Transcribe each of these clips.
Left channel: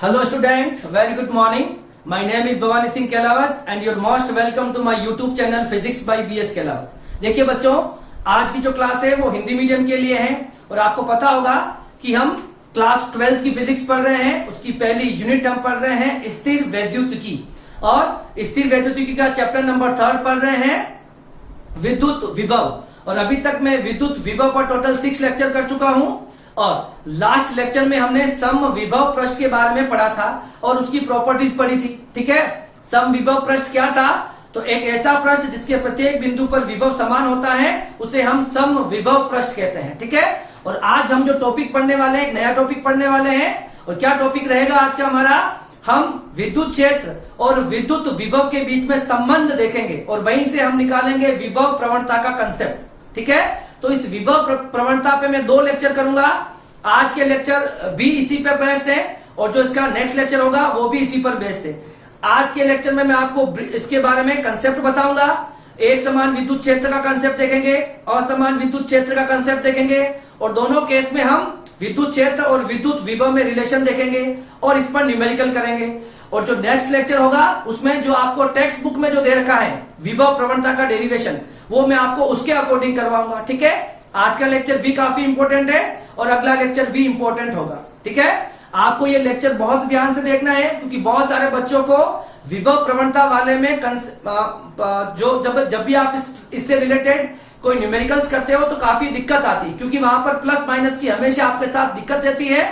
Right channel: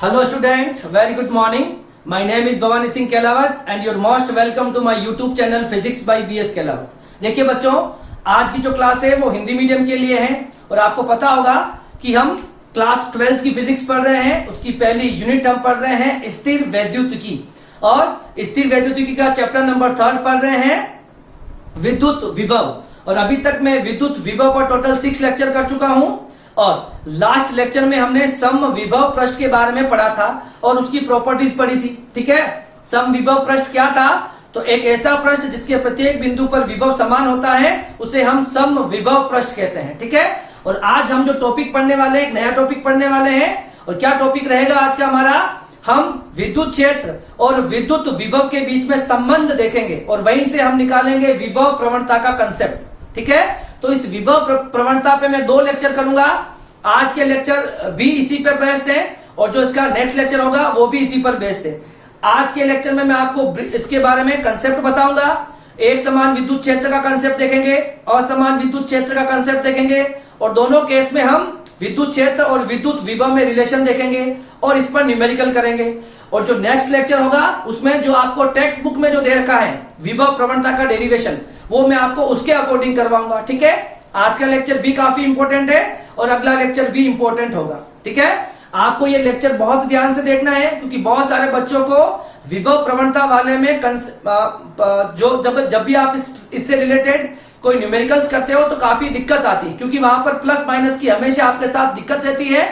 Hello students, very good morning. My name is Bhavani Singh Kelawat and you're most welcome to my YouTube channel Physics by BS Kelawat. देखिए बच्चों, आज की जो class है वो Hindi medium के लिए है और आपको पता होगा कि हम क्लास 12 की फिजिक्स पढ़ रहे हैं। उसकी पहली यूनिट हम पढ़ रहे हैं स्थिर वैद्युतिकी और स्थिर वैद्युतिकी का चैप्टर नंबर 3 पढ़ रहे हैं विद्युत विभव। और अभी तक मैं विद्युत विभव पर टोटल 6 लेक्चर कर चुका हूं और लास्ट लेक्चर में हमने सम विभव पृष्ठ के बारे में पढ़ा था और उसकी प्रॉपर्टीज पढ़ी थी। ठीक है, सम विभव पृष्ठ क्या था? तो एक ऐसा पृष्ठ जिसके प्रत्येक बिंदु पर विभव समान होता है उसे हम सम विभव पृष्ठ कहते हैं। ठीक है, और आज हम जो टॉपिक पढ़ने वाले हैं, एक नया टॉपिक पढ़ने वाले हैं। और क्या टॉपिक रहेगा आज का हमारा? हम विद्युत क्षेत्र और विद्युत विभव के बीच में संबंध देखेंगे और वहीं से हम निकालेंगे विभव प्रवणता का कंसेप्ट। ठीक है, तो इस विभव प्रवणता पे मैं 2 लेक्चर करूंगा। आज के लेक्चर भी इसी पर बेस्ड है और जो इसका नेक्स्ट लेक्चर होगा वो भी इसी पर बेस्ड है। आज के लेक्चर में मैं आपको इसके बारे में कंसेप्ट बताऊंगा। एक समान विद्युत क्षेत्र का कंसेप्ट देखेंगे, असमान विद्युत क्षेत्र का कंसेप्ट देखेंगे और दोनों केस में हम विद्युत क्षेत्र और विद्युत विभव में रिलेशन देखेंगे और इस पर न्यूमेरिकल करेंगे। और जो नेक्स्ट लेक्चर होगा उसमें जो आपको टेक्स्ट बुक में जो दे रखा है विभव प्रवणता का डेरिवेशन, वो मैं आपको उसके अकॉर्डिंग करवाऊंगा। ठीक है, आज का लेक्चर भी काफी इंपॉर्टेंट है और अगला लेक्चर भी इंपॉर्टेंट होगा। ठीक है, आपको ये लेक्चर बहुत ध्यान से देखना है क्योंकि बहुत सारे बच्चों को विभव प्रवणता वाले में जब भी आप इससे रिलेटेड कोई न्यूमेरिकल्स करते हो तो काफी दिक्कत आती है क्योंकि वहां पर प्लस माइनस की हमेशा आपके साथ दिक्कत रहती है।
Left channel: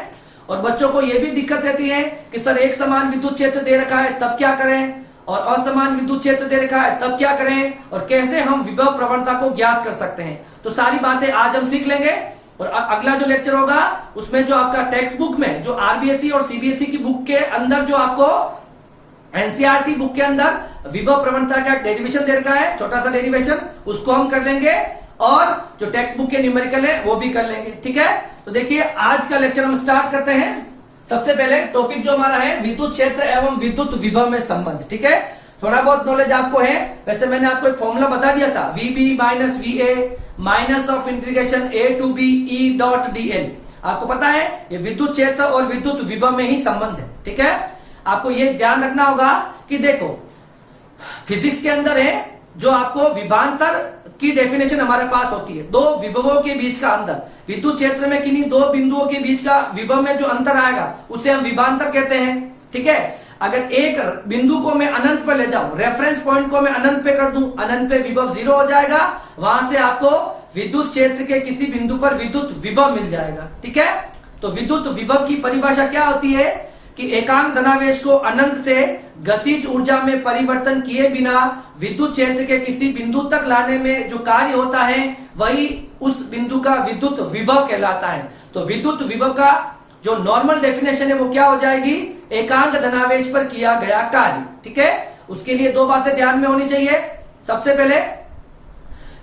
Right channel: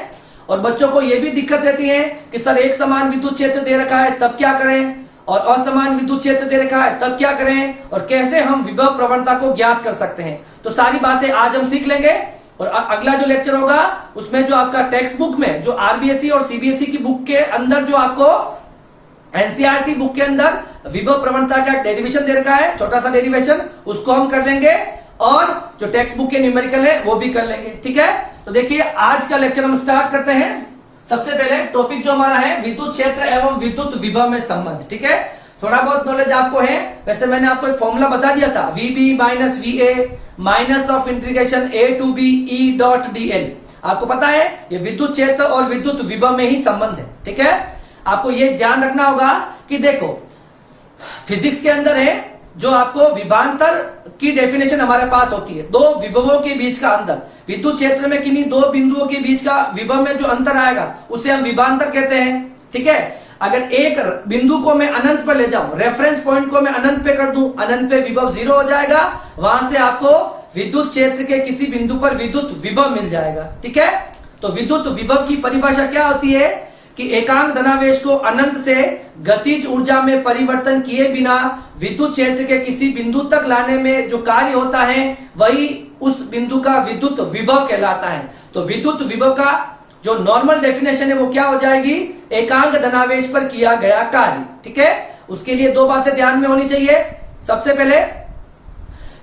और बच्चों को यह भी दिक्कत रहती है कि सर एक समान विद्युत क्षेत्र दे रखा है तब क्या करें और असमान विद्युत क्षेत्र दे रखा है तब क्या करें और कैसे हम विभव प्रवणता को ज्ञात कर सकते हैं। तो सारी बातें आज हम सीख लेंगे और अगला जो लेक्चर होगा उसमें जो आपका टेक्स्ट बुक में जो आरबीएसई और सीबीएसई की बुक के अंदर जो आपको एनसीईआरटी बुक के अंदर विभव प्रवणता का डेरिवेशन दे रखा है, छोटा सा डेरिवेशन, उसको हम कर लेंगे और जो टेक्स्ट बुक के न्यूमेरिकल है वो भी कर लेंगे। ठीक है, तो देखिए आज का लेक्चर हम स्टार्ट करते हैं। सबसे पहले टॉपिक जो हमारा है विद्युत क्षेत्र एवं विद्युत विभव में संबंध। ठीक है, थोड़ा बहुत नॉलेज आपको है, वैसे मैंने आपको एक फॉर्मूला बता दिया था, VB minus VA minus of integration A to B E dot DL। आपको पता है ये विद्युत क्षेत्र और विद्युत विभव में ही संबंध है। ठीक है, आपको ये ध्यान रखना होगा कि देखो फिजिक्स के अंदर है जो आपको विभवांतर की डेफिनेशन हमारे पास होती है, दो विभवों के बीच का अंतर। विद्युत क्षेत्र में किन्हीं दो बिंदुओं के बीच का विभव में जो अंतर आएगा उसे हम विभवांतर कहते हैं। ठीक है, अगर एक बिंदु को मैं अनंत पर ले जाऊं, रेफरेंस पॉइंट को मैं अनंत पे कर दूं, अनंत पे विभव 0 हो जाएगा, वहां से आपको विद्युत क्षेत्र के किसी बिंदु पर विद्युत विभव मिल जाएगा। ठीक है, तो विद्युत विभव की परिभाषा क्या होती है कि एकांक धनावेश को अनंत से गतिज ऊर्जा में परिवर्तन किए बिना विद्युत क्षेत्र के किसी बिंदु तक लाने में जो कार्य होता है वही उस बिंदु का विद्युत विभव कहलाता है। तो विद्युत विभव का जो नॉर्मल डेफिनेशन है वो क्या हो जाएगी? एकांक धनावेश पर किया गया कार्य। ठीक है, उसके लिए 2 बातें ध्यान में होनी चाहिए। सबसे पहले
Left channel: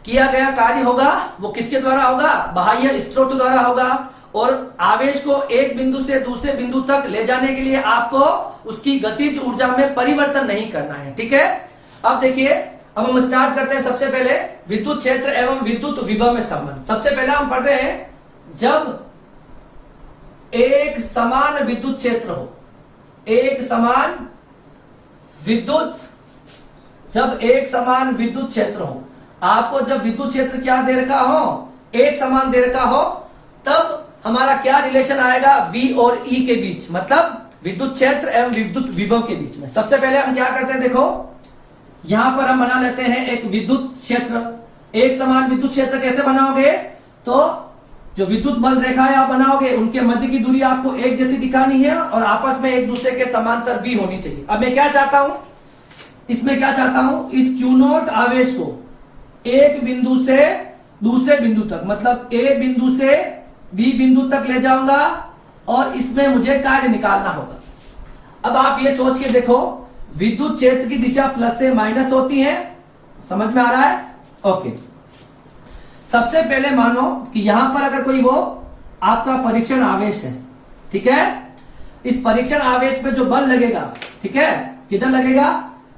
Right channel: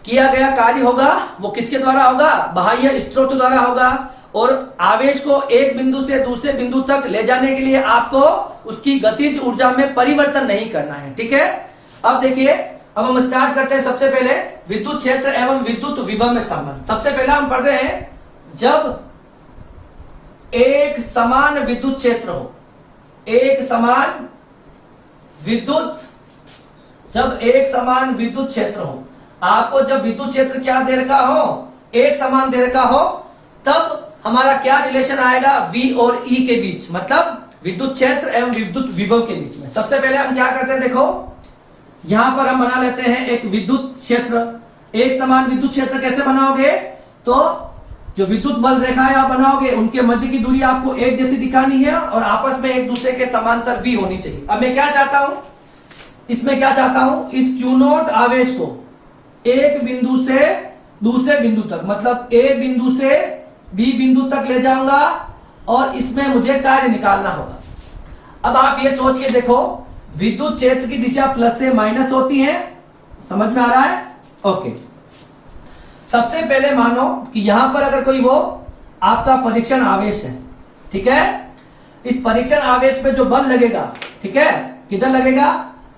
किया गया कार्य होगा वो किसके द्वारा होगा? बाह्य स्रोत द्वारा होगा और आवेश को एक बिंदु से दूसरे बिंदु तक ले जाने के लिए आपको उसकी गतिज ऊर्जा में परिवर्तन नहीं करना है। ठीक है, अब देखिए, अब हम स्टार्ट करते हैं। सबसे पहले विद्युत क्षेत्र एवं विद्युत विभव में संबंध। सबसे पहले हम पढ़ रहे हैं जब एक समान विद्युत क्षेत्र हो, एक समान विद्युत, जब एक समान विद्युत क्षेत्र हो, आपको जब विद्युत क्षेत्र क्या दे रखा हो? एक समान दे रखा हो, तब हमारा क्या रिलेशन आएगा? V और E के बीच, मतलब विद्युत क्षेत्र एवं विद्युत विभव के बीच में। सबसे पहले हम क्या करते हैं, देखो यहां पर हम बना लेते हैं एक विद्युत क्षेत्र। एक समान विद्युत क्षेत्र कैसे बनाओगे? तो जो विद्युत बल रेखाएं आप बनाओगे उनके मध्य की दूरी आपको एक जैसी दिखानी है और आपस में एक दूसरे के समांतर भी होनी चाहिए। अब मैं क्या चाहता हूं, इसमें क्या चाहता हूं, इस Q0 आवेश को एक बिंदु से दूसरे बिंदु तक, मतलब A बिंदु से B बिंदु तक ले जाऊंगा और इसमें मुझे कार्य निकालना होगा। अब आप ये सोच के देखो, विद्युत क्षेत्र की दिशा प्लस से माइनस होती है, समझ में आ रहा है? ओके, सबसे पहले मानो कि यहां पर अगर कोई वो आपका परीक्षण आवेश है, ठीक है, इस परीक्षण आवेश पे जो बल लगेगा, ठीक है, किधर लगेगा?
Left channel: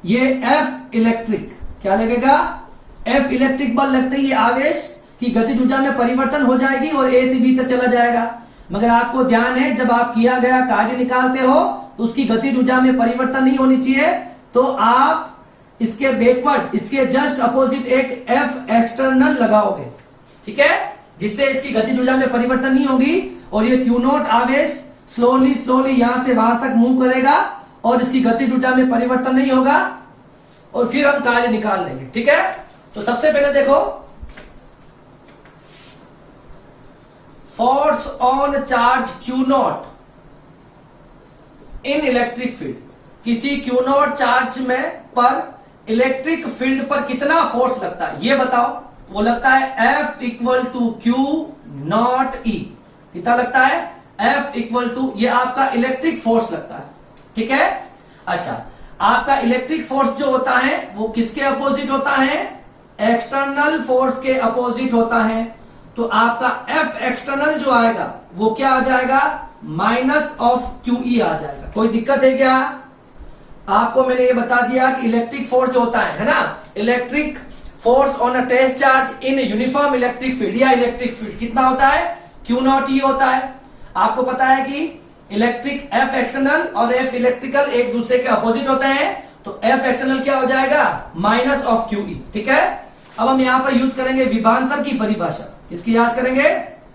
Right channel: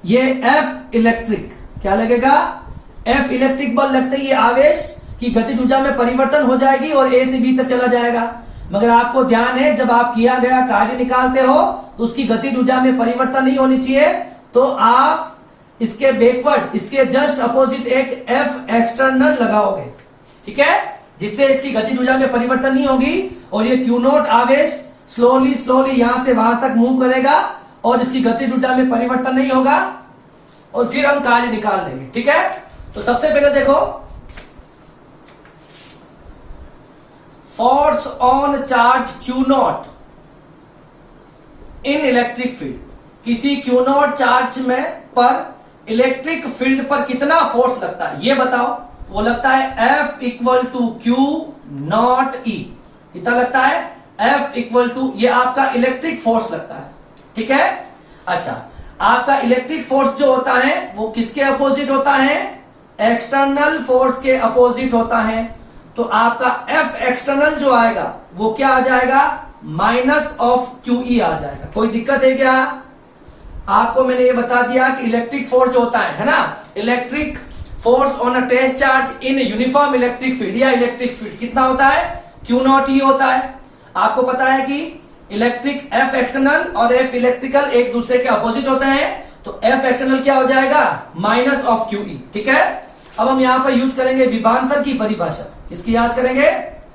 ये F इलेक्ट्रिक, क्या लगेगा? F इलेक्ट्रिक बल लगते ही ये आवेश की गतिज ऊर्जा में परिवर्तन हो जाएगी और A से B तक चला जाएगा। मगर आपको ध्यान है जब आप किया गया कार्य निकालते हो तो उसकी गतिज ऊर्जा में परिवर्तन नहीं होनी चाहिए, तो आप इसके बैकवर्ड, इसके जस्ट अपोजिट एक F एक्सटर्नल लगाओगे, ठीक है, जिससे इसकी गतिज ऊर्जा में परिवर्तन नहीं होगी और ये Q नॉट आवेश स्लोली स्लोली यहां से वहां तक मूव करेगा और इसकी गतिज ऊर्जा में परिवर्तन नहीं होगा और फिर हम कार्य निकाल लेंगे, ठीक है। तो सबसे पहले देखो, force on charge Q not in electric field, किसी Q नॉट चार्ज में पर इलेक्ट्रिक फील्ड पर कितना फोर्स लगता है ये बताओ। वो लगता है F equal to Q not E। कितना लगता है? F इक्वल टू, ये आपका इलेक्ट्रिक फोर्स लगता है, ठीक है। अच्छा, आपका इलेक्ट्रिक फोर्स जो होता है वो किसके अपोजिट होता है? एक्सटर्नल फोर्स के अपोजिट होता है। तो आपका F एक्सटर्नल जो आएगा वो क्या आ जाएगा? माइनस ऑफ QE आ जाएगा। कोई दिक्कत है क्या? आपको मैंने ये बता दिया कि इलेक्ट्रिक फोर्स जो होता है ना, electric force on a test charge in uniform electric field या इलेक्ट्रिक फील्ड कितना होता है? Q नॉट E होता है। आपको पता है कि इलेक्ट्रिक F एक्सटर्नल और F इलेक्ट्रिकल एक दूसरे के अपोजिट होते हैं, तो F एक्सटर्नल क्या हो जाएगा? माइनस ऑफ QE, ठीक है। अब हम यहां पर यूज करेंगे विभवांतर की परिभाषा। किसकी याद करेंगे?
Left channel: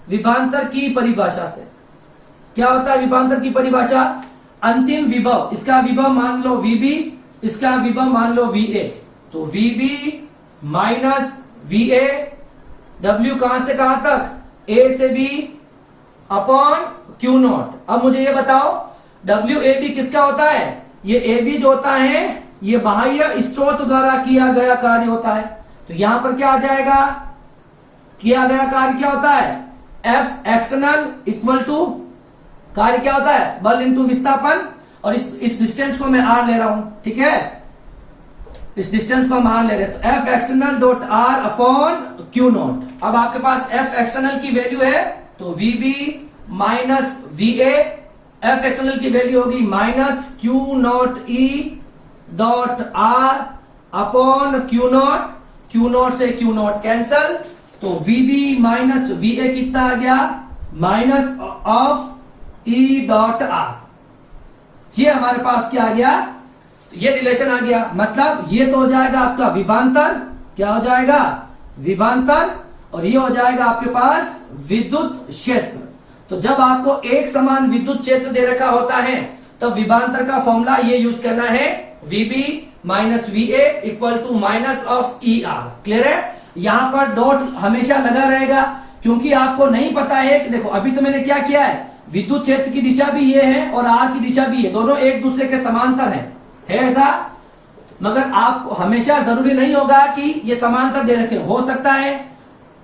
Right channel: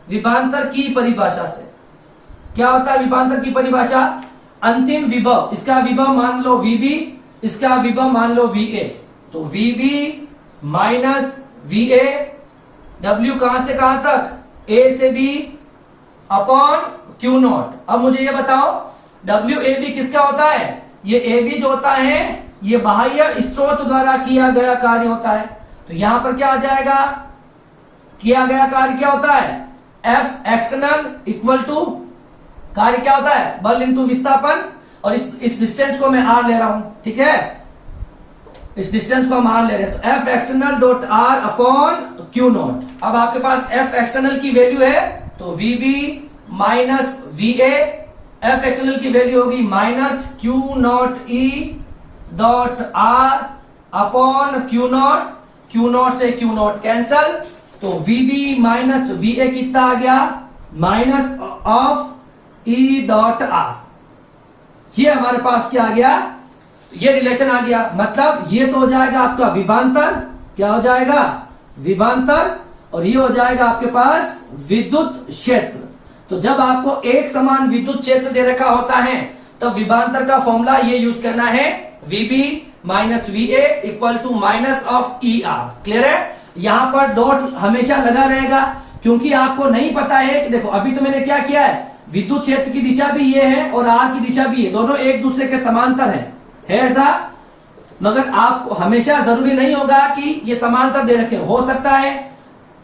विभवांतर की परिभाषा से। क्या होता है विभवांतर की परिभाषा? अंतिम विभव, इसका विभव मान लो VB, इसका विभव मान लो VA, तो VB माइनस VA, W कहां से कहां तक? A से B अपॉन Q नॉट। अब मुझे ये बताओ WAB किसका होता है? ये AB जो होता है ये बाह्य स्रोत द्वारा किया गया कार्य होता है। तो यहां पर क्या आ जाएगा? किया गया कार्य क्या होता है? F एक्सटर्नल इक्वल टू, कार्य क्या होता है? बल इंटू विस्थापन, और इस डिस्टेंस को मैं R ले रहा हूं, ठीक है, इस डिस्टेंस को हम R ले रहे हैं, तो F external dot R upon Q not. अब आपके पास F एक्सटर्नल की वैल्यू है तो VB minus VA, F external की वैल्यू होगी minus Q not E dot R upon Q not, Q not से Q नॉट कैंसल, तो VB माइनस VA कितना आ गया? Minus of E dot R। ये हमारे पास क्या आ गया? ये रिलेशन आ गया। मतलब ये तो हो जाएगा आपका विभवांतर, क्या हो जाएगा? विभवांतर, और ये हो जाएगा आपके पास विद्युत क्षेत्र। तो जब आपको एक समान विद्युत क्षेत्र दे रखा होता है तो विभवांतर का फॉर्मूला ये यूज करना है, VB minus VA equal to minus of ER। Clear है? यहां पर डॉट हमेशा लगा रहेगा, क्योंकि आपको नहीं पता है कि देखो अभी तो मैंने क्या किया है, विद्युत क्षेत्र की दिशा भी ये है और R की दिशा भी है, दोनों एक दूसरे के समांतर है ऐसा। मगर आपको हमेशा जरूरी नहीं होगा कि ये समांतर दे रखे, हो सकता है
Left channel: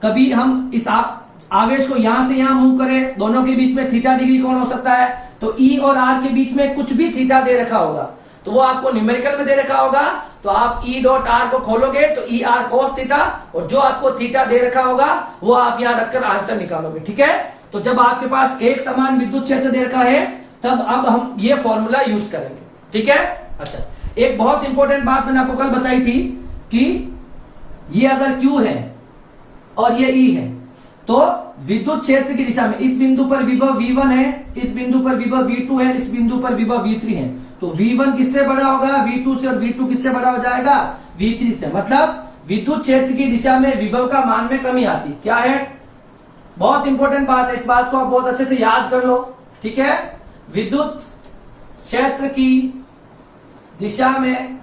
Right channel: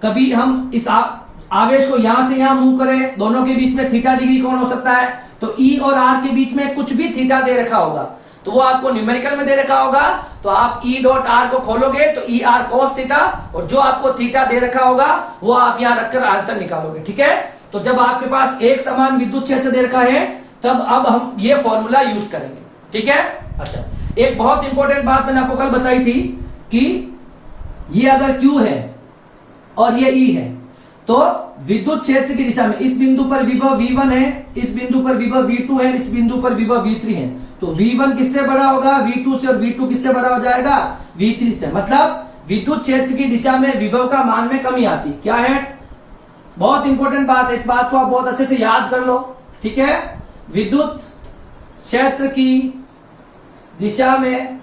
कभी हम इस आवेश को यहां से यहां मूव करें, दोनों के बीच में थीटा डिग्री कोण हो सकता है, तो E और R के बीच में कुछ भी थीटा दे रखा होगा, तो वो आपको न्यूमेरिकल में दे रखा होगा, तो आप E डॉट R को खोलोगे तो ER cos थीटा, और जो आपको थीटा दे रखा होगा वो आप यहां रखकर आंसर निकालोगे, ठीक है। तो जब आपके पास एक समान विद्युत क्षेत्र दे रखा है तब अब हम ये फॉर्मूला यूज करेंगे, ठीक है। अच्छा, एक बहुत इंपॉर्टेंट बात मैंने आपको कल बताई थी कि ये अगर Q है और ये E है, तो विद्युत क्षेत्र की दिशा में इस बिंदु पर विभव V1 है, इस बिंदु पर विभव V2 है, इस बिंदु पर विभव V3 है, तो V1 किससे बड़ा होगा? V2 से, और V2 किससे बड़ा हो जाएगा? V3 से। मतलब विद्युत क्षेत्र की दिशा में विभव का मान में कमी आती। क्या है? बहुत इंपॉर्टेंट बात है, इस बात को आप बहुत अच्छे से याद कर लो, ठीक है। विद्युत क्षेत्र की दिशा में,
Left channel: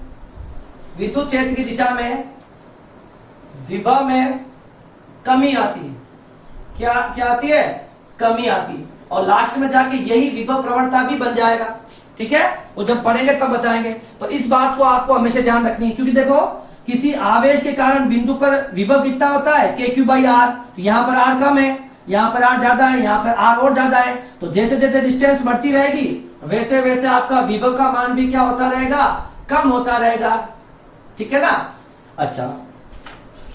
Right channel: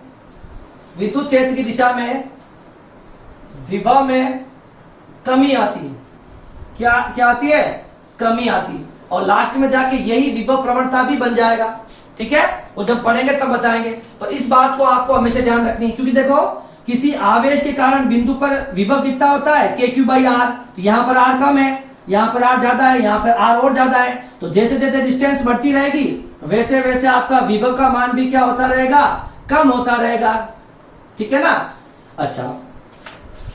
विद्युत क्षेत्र की दिशा में विभव में कमी आती है। क्या आती है? कमी आती है, और लास्ट में जाके यही विभव प्रवणता भी बन जाएगा, ठीक है। वो जब पढ़ेंगे तब बताएंगे, पर इस बात को आपको हमेशा ध्यान रखनी है, क्योंकि देखो किसी आवेश के कारण बिंदु पर विभव कितना होता है? KQ/R। तो यहां पर R कम है, यहां पर R ज्यादा है, यहां पर R और ज्यादा है, तो जैसे जैसे डिस्टेंस बढ़ती रहेगी वैसे वैसे आपका विभव का मान भी क्या होता रहेगा? कम होता रहेगा, ठीक है ना। अच्छा,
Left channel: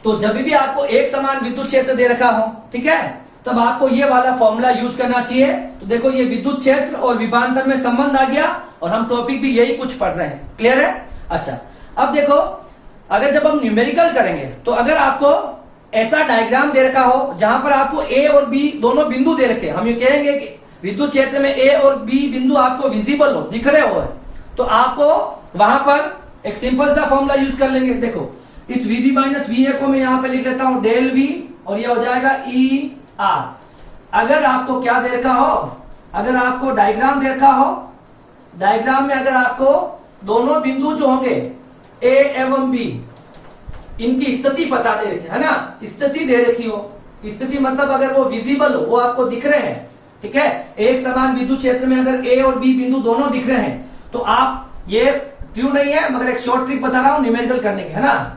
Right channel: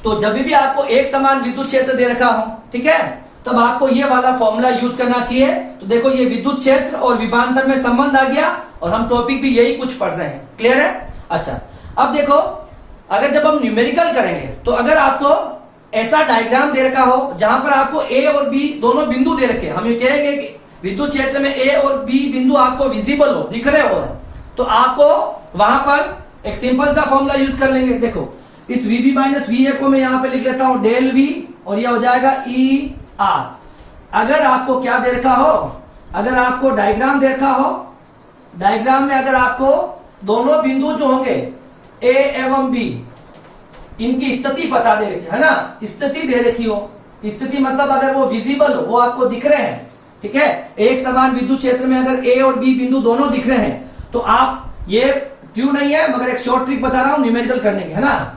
तो जब भी आपको एक समान विद्युत क्षेत्र दे रखा हो, ठीक है, तब आपको ये वाला फॉर्मूला यूज करना चाहिए। तो देखो ये विद्युत क्षेत्र और विभवांतर में संबंध आ गया, और हम टॉपिक भी यही कुछ पढ़ रहे हैं। क्लियर है? अच्छा, अब देखो अगर जब हम न्यूमेरिकल करेंगे तो अगर आपको ऐसा डायग्राम दे रखा हो जहां पर आपको A और B दोनों बिंदु दे रखे, हम ये कहेंगे कि विद्युत क्षेत्र में ए और बी बिंदु आपको विजिबल हो, दिख रहे हो, तो आपको वहां पर एक सिंपल सा फॉर्मूला यूज कर लेंगे। देखो इस वीबी माइनस वी ए को मैं यहां पे लिख लेता हूं डेल वी, और ये हो जाएगा ई आर। अगर आपको क्या दे रखा हो, अगर आपको डायग्राम दे रखा हो, डायग्राम में अगर आपको दोनों बिंदु जो होंगे ए एवं बी, इनकी स्थिति पता दे रखी है ना, स्थिति दे रखी हो, स्थिति मतलब अगर वो विजिबल हो, वो आपको दिख रहे हैं, ठीक है, एक समान विद्युत क्षेत्र में अगर ए और बी बिंदु दोनों दिख रहे हैं, तो आप, ये क्यों नहीं है मगर एक शॉर्ट ट्रिक बता रहा हूं न्यूमेरिकल करने की, है ना,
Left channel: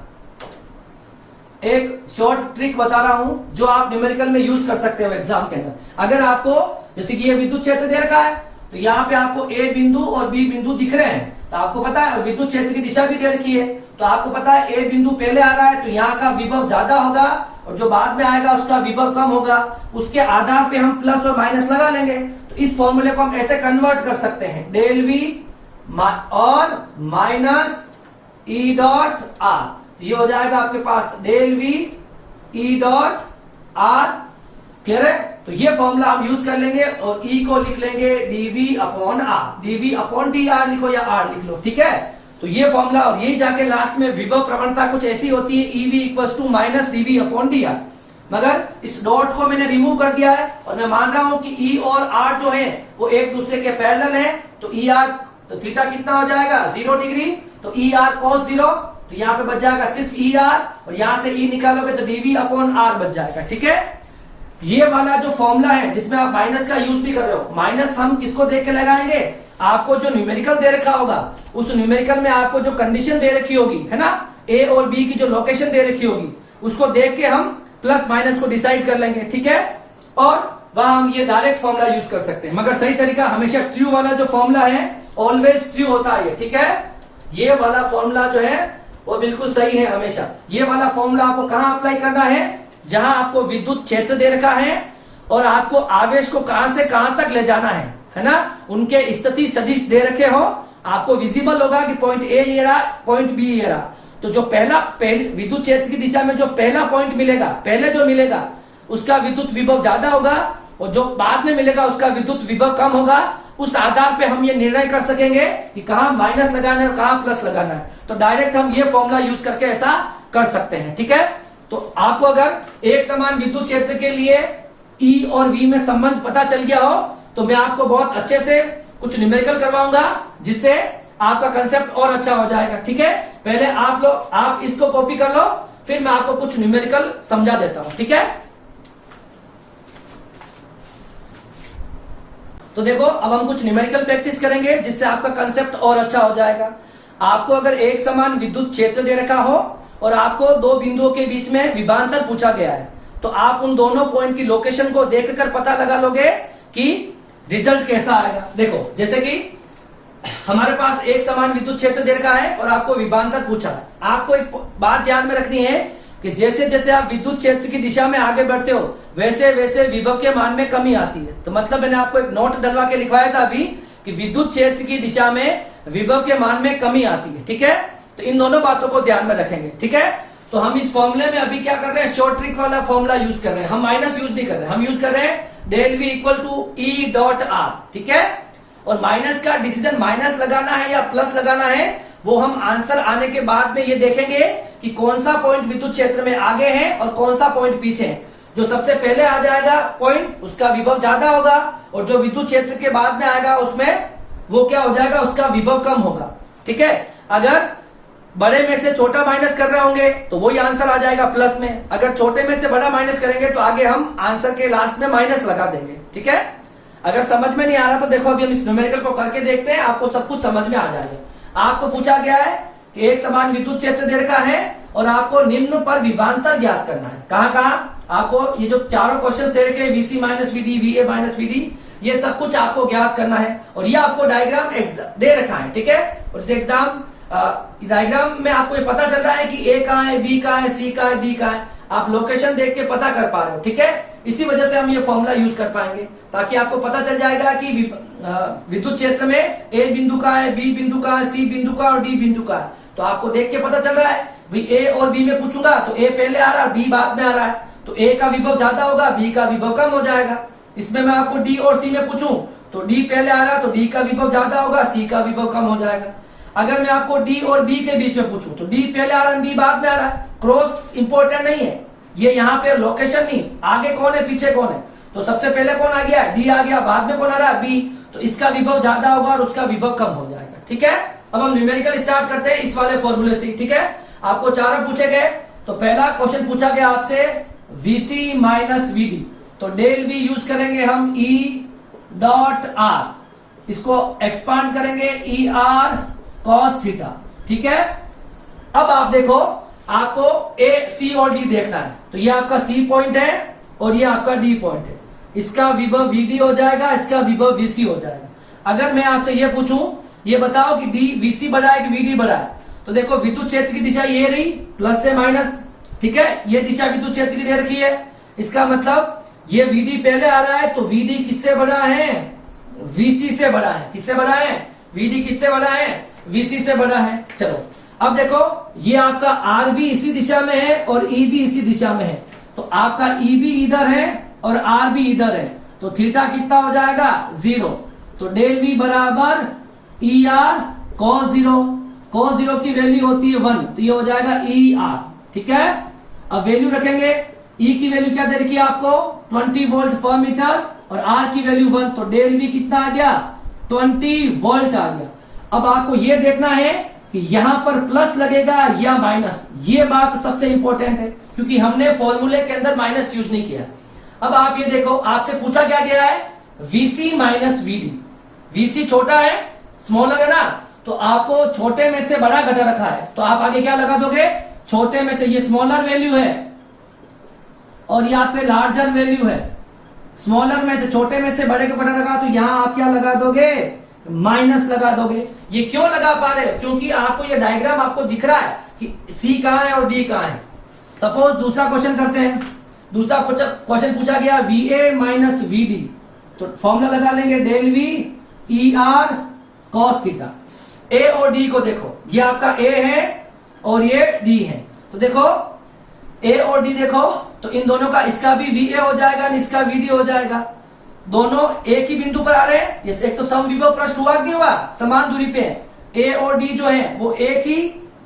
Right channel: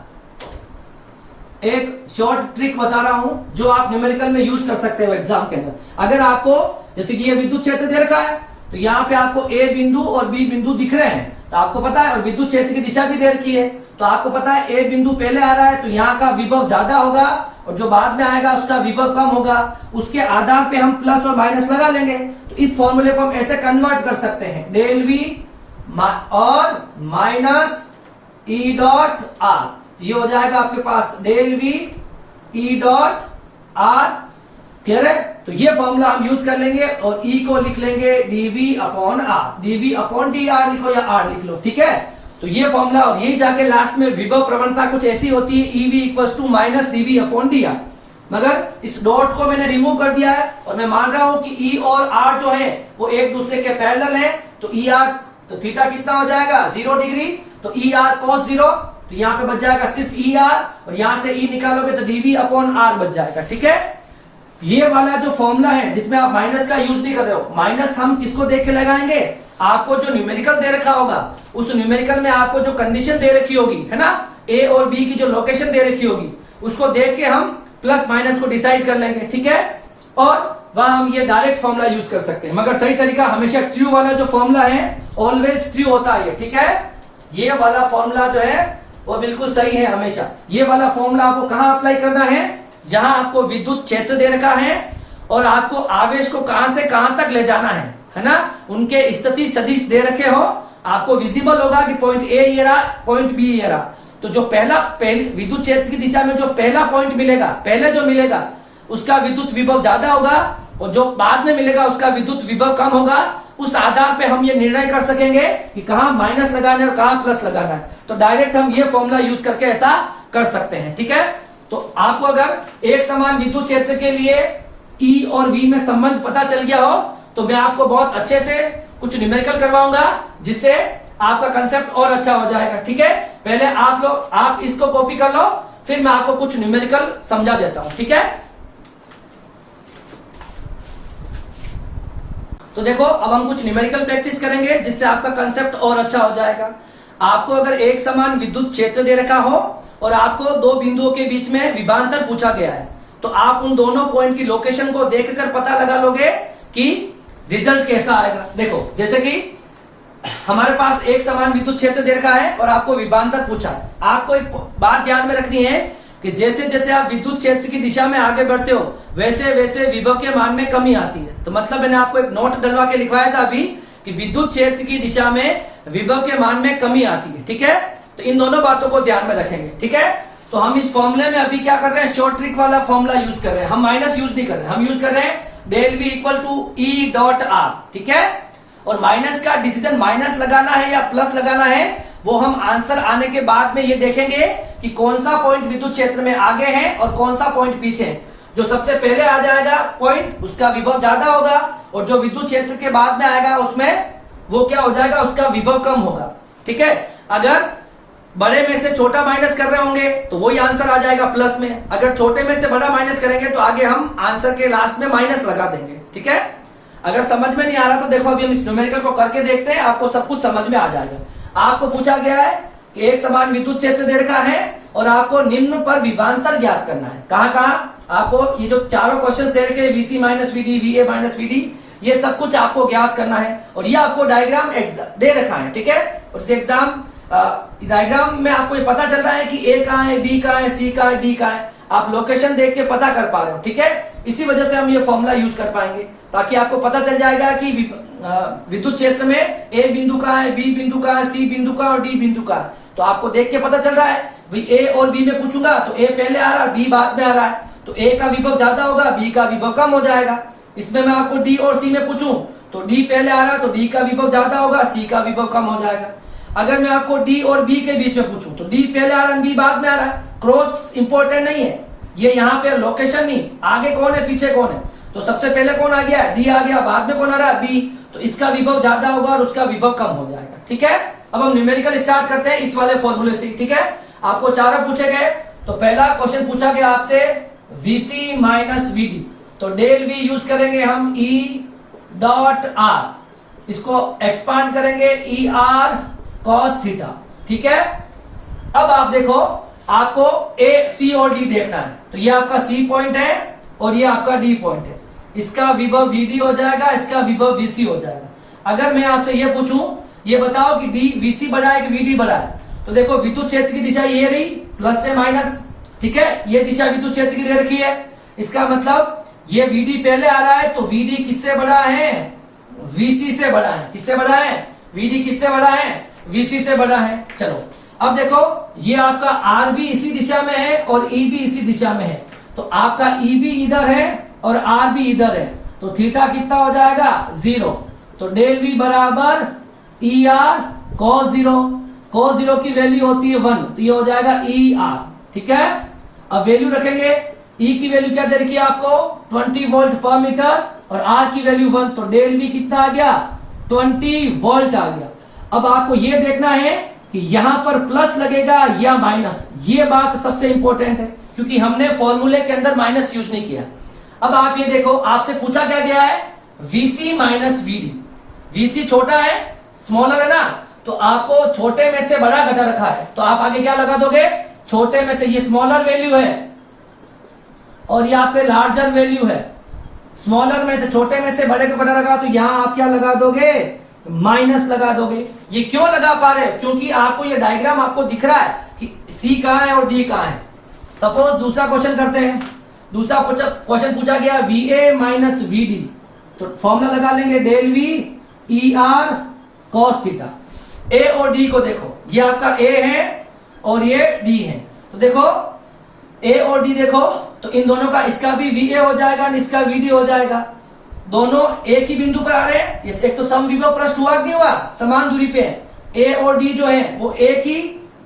एक शॉर्ट ट्रिक बता रहा हूं जो आप न्यूमेरिकल में यूज कर सकते हो एग्जाम के अंदर। अगर आपको जैसे कि ये विद्युत क्षेत्र दे रखा है, तो यहाँ पे आपको ए बिंदु और बी बिंदु दिख रहे हैं, तो आपको पता है, और विद्युत क्षेत्र की दिशा भी दे रखी है, तो आपको पता है ए बिंदु पहले आ रहा है तो यहाँ का विभव ज्यादा होगा, और जो बाद में आएगा उसका विभव कम होगा। उसके आधार पे हम प्लस और माइनस लगा लेंगे। तो इस फॉर्मूले को हम ऐसे कन्वर्ट कर सकते हैं, डेल वी और माइनस ई डॉट आर, ये हो जाएगा आपके पास del V E dot R. Clear है? तो ये फॉर्मूला हम यूज कर लेंगे और ई को लिख लेंगे dv upon r, dv upon d r लिखो या आर लिख लो, ठीक है। तो ये फॉर्मूला, और यही जाके लास्ट में विभव प्रवणता कुछ ऐसी होती है, EV equals to minus dv upon d r. मगर इस डॉट को मैंने रिमूव कर दिया है और मैं मान रहा हूं कि ई और आर जो है वो एक दूसरे के पैरेलल है, तो ई आर, तो थीटा कितना हो जाएगा 0 डिग्री, तो ई आर कॉस 0, तो यहाँ पे बच जाएगा सिर्फ ई आर, और यहां से ई निकालोगे तो डीवी अपॉन आर बच जाएगा, ठीक है। ये वाला जो फॉर्मूला है जिसमें आप माइनस का यूज नहीं कर रहे हो, माइनस हम किसको देख के लगाएंगे, आपको जो न्यूमेरिकल दे रखा होगा उस न्यूमेरिकल में आपको जो कंडीशन दे रखी होगी, है ना, ए और बी की जो लोकेशन दे रखी होगी, उसको देख के हम प्लस माइनस को डिसाइड कर लेंगे, ठीक है। और वहां हम ये डायरेक्ट फॉर्मूला यूज कर सकते हैं, मगर सही तरीका हमेशा ट्रू वाला जो फॉर्मूला है ऑलवेज ट्रू होता है, ठीक है। ये वाला फॉर्मूला जो है वो बिल्कुल सही है हमेशा। ये वाला फॉर्मूला आपको कहां अप्लाई करना है, जहां आपको विद्युत क्षेत्र दे रखा है और आपको आवेश को कहां से कहां तक ले जाना है ना, उनके स्थिति सदिश दे रखे हो, आपको विजिबल होगा कि पॉइंट ए ये रहा, पॉइंट बी ये रहा, तो जो पहले विद्युत क्षेत्र की दिशा में जो पहला पॉइंट मिलेगा, पहले जो मिलेगा उसका विद्युत विभव ज्यादा होगा, और जो बाद में मिलेगा उसका विद्युत विभव कम होगा। उस आधार पे हम ये निर्णय कर सकेंगे कि कहां माइनस लगाना है और कहां प्लस लगाना है। तो डायरेक्ट हम ये फॉर्मूला यूज करके ऐसा कर सकते हैं, ठीक है। तो आपको अगर एक समान विद्युत क्षेत्र के लिए ई और वी में संबंध पता चल गया हो, तो मैं आपको बहुत अच्छे से कुछ न्यूमेरिकल करवाऊंगा जिससे आपका कंसेप्ट और अच्छा हो जाएगा, ठीक है। पहले आप इसको कॉपी कर लो, फिर मैं आपको कुछ न्यूमेरिकल समझा देता हूं, ठीक है। तो देखो अब हम कुछ न्यूमेरिकल प्रैक्टिस करेंगे जिससे आपका कंसेप्ट और अच्छा हो जाएगा। आपको अगर एक समान विद्युत क्षेत्र दे रखा हो और आपको दो बिंदुओं के बीच में विभवांतर पूछा गया है, तो आप उन दोनों पॉइंट की लोकेशन को देखकर पता लगा लोगे कि रिजल्ट कैसा आएगा। देखो जैसे कि हमारे पास एक समान विद्युत क्षेत्र दे रखा है और आपको विभवांतर पूछा है। आपको एक बात ध्यान में रखनी है कि जैसे जैसे आप विद्युत क्षेत्र की दिशा में आगे बढ़ते हो वैसे वैसे विभव के मान में कमी आती है। तो मतलब मैंने आपको एक नोट डलवा के लिखवाया था अभी कि विद्युत क्षेत्र की दिशा में विभव के मान में कमी आती है, ठीक है। तो इन दोनों बातों को ध्यान में रखेंगे, ठीक है। तो हम इस फॉर्मूले में अभी क्या कर रहे हैं, शॉर्ट ट्रिक वाला फॉर्मूला यूज कर रहे हैं। हम माइनस यूज नहीं कर रहे हैं, हम यूज कर रहे हैं del V equal to E dot r, ठीक है। और माइनस का डिसीजन माइनस लगाना है या प्लस लगाना है वो हम आंसर आने के बाद में ये देखेंगे कि कौन सा पॉइंट विद्युत क्षेत्र में आगे है और कौन सा पॉइंट पीछे है। जो सबसे पहले आ जाएगा पॉइंट उसका विभव ज्यादा होगा, और जो विद्युत क्षेत्र के बाद में आएगा उसमें वो क्या हो जाएगा, उसका विभव कम होगा, ठीक है। अगर बड़े में से छोटा माइनस कर रहे होंगे तो वही आंसर आ जाएगा प्लस में। अगर छोटे में से बड़ा माइनस करेंगे तो आगे हम आंसर के लास्ट में माइनस लगा देंगे, ठीक है। अगर समझ में नहीं आ रहा तो देखो अभी हम इस न्यूमेरिकल को करके देखते हैं, आपको सब कुछ समझ में आ जाएगा। आपको पूछा गया है कि एक समान विद्युत क्षेत्र दे रखा है और आपको निम्न पर विभवांतर ज्ञात करना है। कहां कहां आपको ये जो चारों क्वेश्चन दे रखे हैं, VC minus VD, VA minus VD, ये सब कुछ आपको ज्ञात करना है। और ये आपको डायग्राम दे रखा है, ठीक है। और इस एग्जाम डायग्राम में आपको ये पता चल रहा है कि ए कहां है, बी कहां है, सी कहां है, डी कहां है। आप लोकेशन देख के पता कर पा रहे हो, ठीक है। इसी वजह से हम ये फॉर्मूला यूज कर पाएंगे ताकि आपको पता चल जाएगा कि विद्युत क्षेत्र में ए बिंदु कहां है, बी बिंदु कहां है, सी बिंदु कहां और डी बिंदु कहां है। तो आपको देख के पता चल रहा है भाई ए और बी में पूछूंगा तो ए पहले आ रहा है, बी बाद में आ रहा है, तो ए का विभव ज्यादा होगा, बी का विभव कम हो जाएगा। इसमें मैं आपको डी और सी में पूछूं तो डी पहले आ रहा है तो डी का विभव ज्यादा होगा, सी का विभव कम हो जाएगा। अगर मैं आपको डी और बी के बीच में पूछूं तो डी पहले आ रहा है, बी बाद में आ रहा है। क्रॉस इंपॉर्टेंट नहीं है, ये यहाँ पे लोकेशन नहीं, आगे कौन है पीछे कौन है। तो सबसे पहले कौन आ गया, डी आ गया, बाद में कौन आ रहा है, बी। तो इसका विभव ज्यादा होगा और उसका विभव कम हो जाएगा। ठीक है, अब हम न्यूमेरिकल स्टार्ट करते हैं इस वाले फॉर्मूले से। ठीक है, आपको चारों पूछे गए। तो पहला क्वेश्चन पूछा गया आपसे VC माइनस VD, तो डेल V यूज करेंगे हम E डॉट R, इसको एक्सपांड करेंगे ER cos थीटा। ठीक है, अब आप देखो आपको A C और D देखना है, तो ये आपका C पॉइंट है और ये आपका D पॉइंट है। इसका विभव VD हो जाएगा, इसका विभव VC हो जाएगा। अगर मैं आपसे ये पूछूं, ये बताओ कि D VC बड़ा है कि VD बड़ा है, तो देखो विद्युत क्षेत्र की दिशा ये रही, प्लस से माइनस। ठीक है, ये दिशा विद्युत क्षेत्र की दे रखी है, इसका मतलब ये VD पहले आ रहा है तो VD किससे बड़ा है, VC से बड़ा है। किससे बड़ा है, VD किससे बड़ा है, VC से बड़ा है। चलो अब देखो ये आपका R भी इसी दिशा में है और E भी इसी दिशा में है, तो आपका E भी इधर है और R भी इधर है, तो थीटा कितना हो जाएगा, 0। तो डेल V बराबर ER cos 0, cos 0 की वैल्यू होती है 1, तो ये हो जाएगा ER। ठीक है, अब वैल्यू रखेंगे, E की वैल्यू क्या दे रखी है आपको, 20 वोल्ट पर मीटर और R की वैल्यू 1, तो डेल V कितना आ गया, 20 वोल्ट आ गया। अब आपको ये देखना है कि यहां पर प्लस लगेगा या माइनस, ये बात सबसे इंपॉर्टेंट है क्योंकि हमने फॉर्मूले के अंदर माइनस यूज नहीं किया। अब आप ये देखो, आपसे पूछा क्या गया है, VC माइनस VD। VC छोटा है, स्मॉलर है ना, तो आपको छोटे में से बड़ा घटा रखा है, तो आप आगे क्या लगा दोगे, छोटे में से, ये स्मॉलर वैल्यू है और यहाँ पे लार्जर वैल्यू है। स्मॉलर में से, छोटे में से बड़े को घटा रखा, तो यहां आप क्या लगा दोगे, माइनस लगा दोगे। ये क्यों लगा पा रहे, क्योंकि आपको ये डायग्राम आपको दिख रहा है कि C कहां है और D कहां है। सपोज दूसरा क्वेश्चन करते हैं, दूसरा क्वेश्चन पूछा गया VA माइनस VD, तो फॉर्मूला लगा लेंगे del V ER cos theta. A और D को देखो, ये आपका A है और ये D है, तो देखो A और D देखो, तो इन दोनों का, इसका भी VA हो जाएगा और इसका VD हो जाएगा। दोनों एक ही बिंदु पर आ रहे हैं, ये एक तो समविभव पृष्ठ हुआ कि हुआ, समान दूरी पे है। A और D जो है वो एक ही